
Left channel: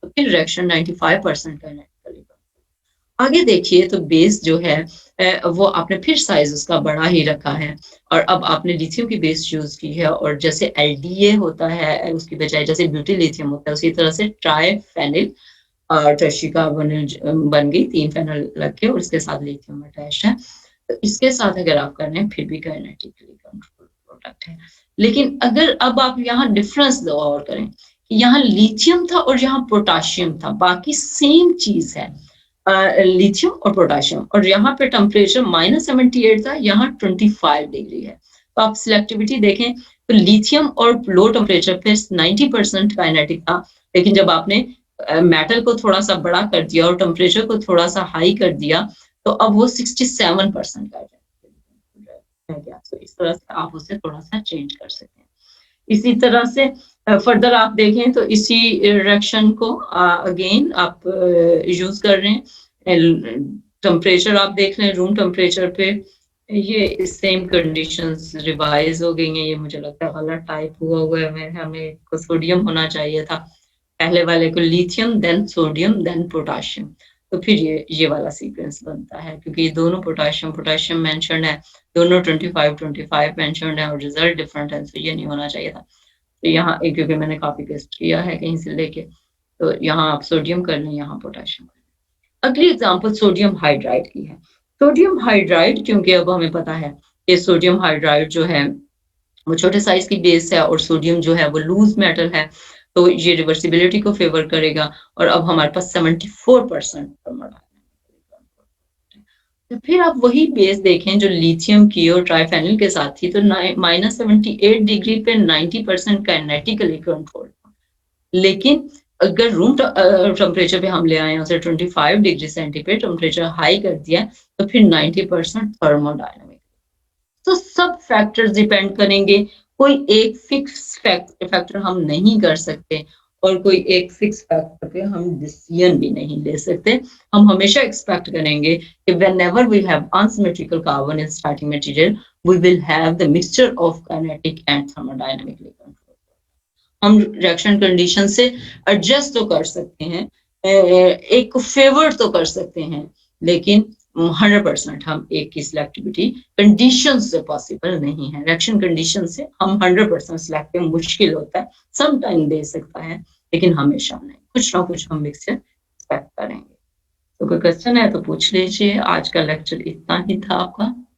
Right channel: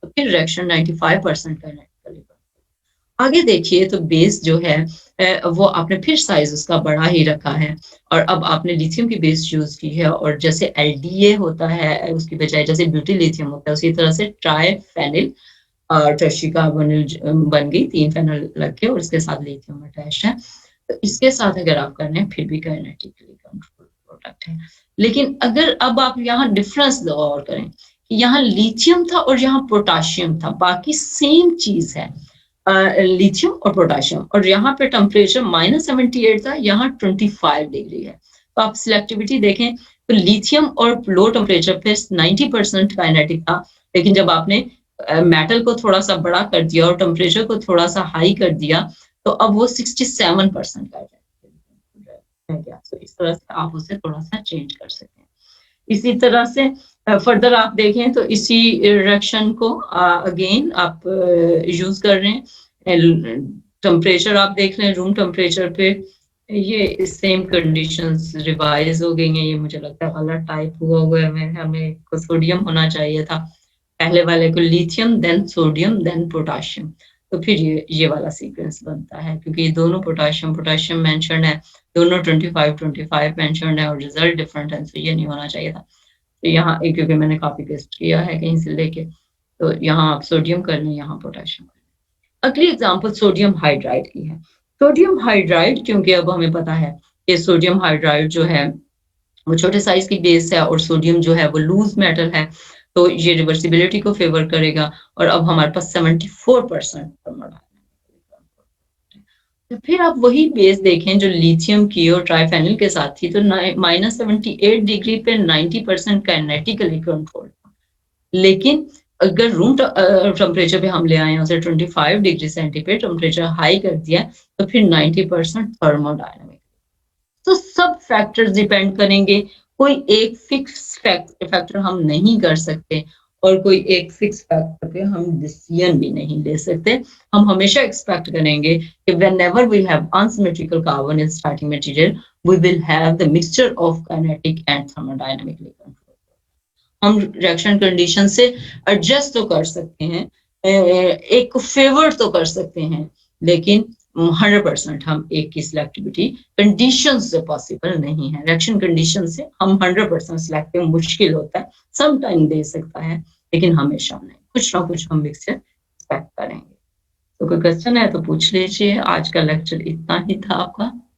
तो फिर रिएक्शन 95% काइनेटिकली कंट्रोल। आगे देखिए तो बेस जो है वो आपने फिर साइज उसका बड़ा ही रखा है और अब आपने लिथियम की बेस यूज की है और जैसे एलडीए होता है उसकी बजाय जैसे ब्यूटी लिथियम होता है उसी तरह से ट्राइफेनिल टर्शी कार्बोनिल बन गई, 3 फेनल लग के और उसके साथ लिथियम अटैच है। तो इसके साथ अगर आप कर रहे हैं फिर भी काइनेटिकली कंट्रोल प्रोडक्ट है। लेकिन अगर अब आप यहाँ डिफरेंस और करें, यहाँ लिथियम था और यहाँ पोटाशियम था, बाकी सेम चीज है, लिथियम और पोटाशियम, और यहाँ पे टेम्परेचर -78 था, यहाँ 25 डिग्री है। तो आप सिलेक्टिविटी देखें तो लिथियम और लो टेम्परेचर पे 90% काइनेटिक था, लेकिन जब आपने मेटल को थोड़ा सा बड़ा कर दिया और टेम्परेचर को थोड़ा सा हाई कर दिया तो अब वो 67% का रह गया। तो इस तरह से आप उसे थोड़ा सा चेंज कर सकते हैं। इसी तरह से फर्दर आप देखें तो इसी रिएक्शन को अगेन आप यूज कर रहे हैं, टेम्परेचर आप देख रहे हैं रूम टेम्परेचर पे, ये सेम कंडीशंस रिवाइज हो गई हैं। ये मुझे लगता है गलत टाइप हुआ है, हमें को सोडियम होना चाहिए था, पहले वाले को lithium then sodium then potassium, तो फिर ये वाला सीक्वेंस बनता है क्योंकि ये दोनों पोटाशियम मेंशन है, दोनों 25 मेंशन है और रिजल्ट डिफरेंट है, तो ये नहीं होना चाहिए था। तो यहाँ क्योंकि मैंने कॉपी पेस्ट किया है कहीं से लेके, तो यहाँ आप सोडियम कर लें, यहाँ पोटाशियम कर लें। अगली एग्जांपल सोडियम हाइड्राइड की है। सोडियम हाइड्राइड क्योंकि अब हमें पता है कि सोडियम हाइड्राइड जो है वो छोटे साइज की बेस है और सोडियम जो है वो लूज मेटल है, तो ये रिवर्सिबिलिटी को फेवर करेगा और अब हमारे पास 74% तो फिर आप वही बेस देखें जो लिथियम की और ट्राइफेनिल के साथ थी, तो -78 डिग्री पे 90% काइनेटिकली कंट्रोल, लेकिन अगर रूम टेम्परेचर पे हम ले आए उसे 25 डिग्री सेंटीग्रेड टेम्परेचर हाई कर दिया तो फिर 90% थर्मोडायनामिक। तो सब फैक्टर्स डिपेंड करेंगे, कोई एक फिक्स फैक्टर हम नहीं कर सकते और कोई एक फिक्स फैक्टर पे हम डिसीजन भी नहीं ले सकते। हम हमेशा एक्सपेक्ट करेंगे कि whenever we have unsymmetrical carbon in starting material we will have the mixture of kinetic and thermodynamically controlled। हम रिएक्शन कंडीशन से एडजस्ट तो कर सकते हैं, एक फेवर तो कर सकते हैं, लेकिन 100% हम एक की सिलेक्टिविटी कंडीशन से पॉसिबल नहीं है। रिएक्शन कंडीशन से हम 100% सिलेक्टिव मुश्किल होता है, सम टाइम दे सकता है लेकिन हमेशा नहीं, कुछ ना कुछ हम मिक्सचर एक्सपेक्ट करेंगे। तो कोई क्वेश्चन है तो पूछ लीजिए। आज का लेक्चर इतना ही था आपका।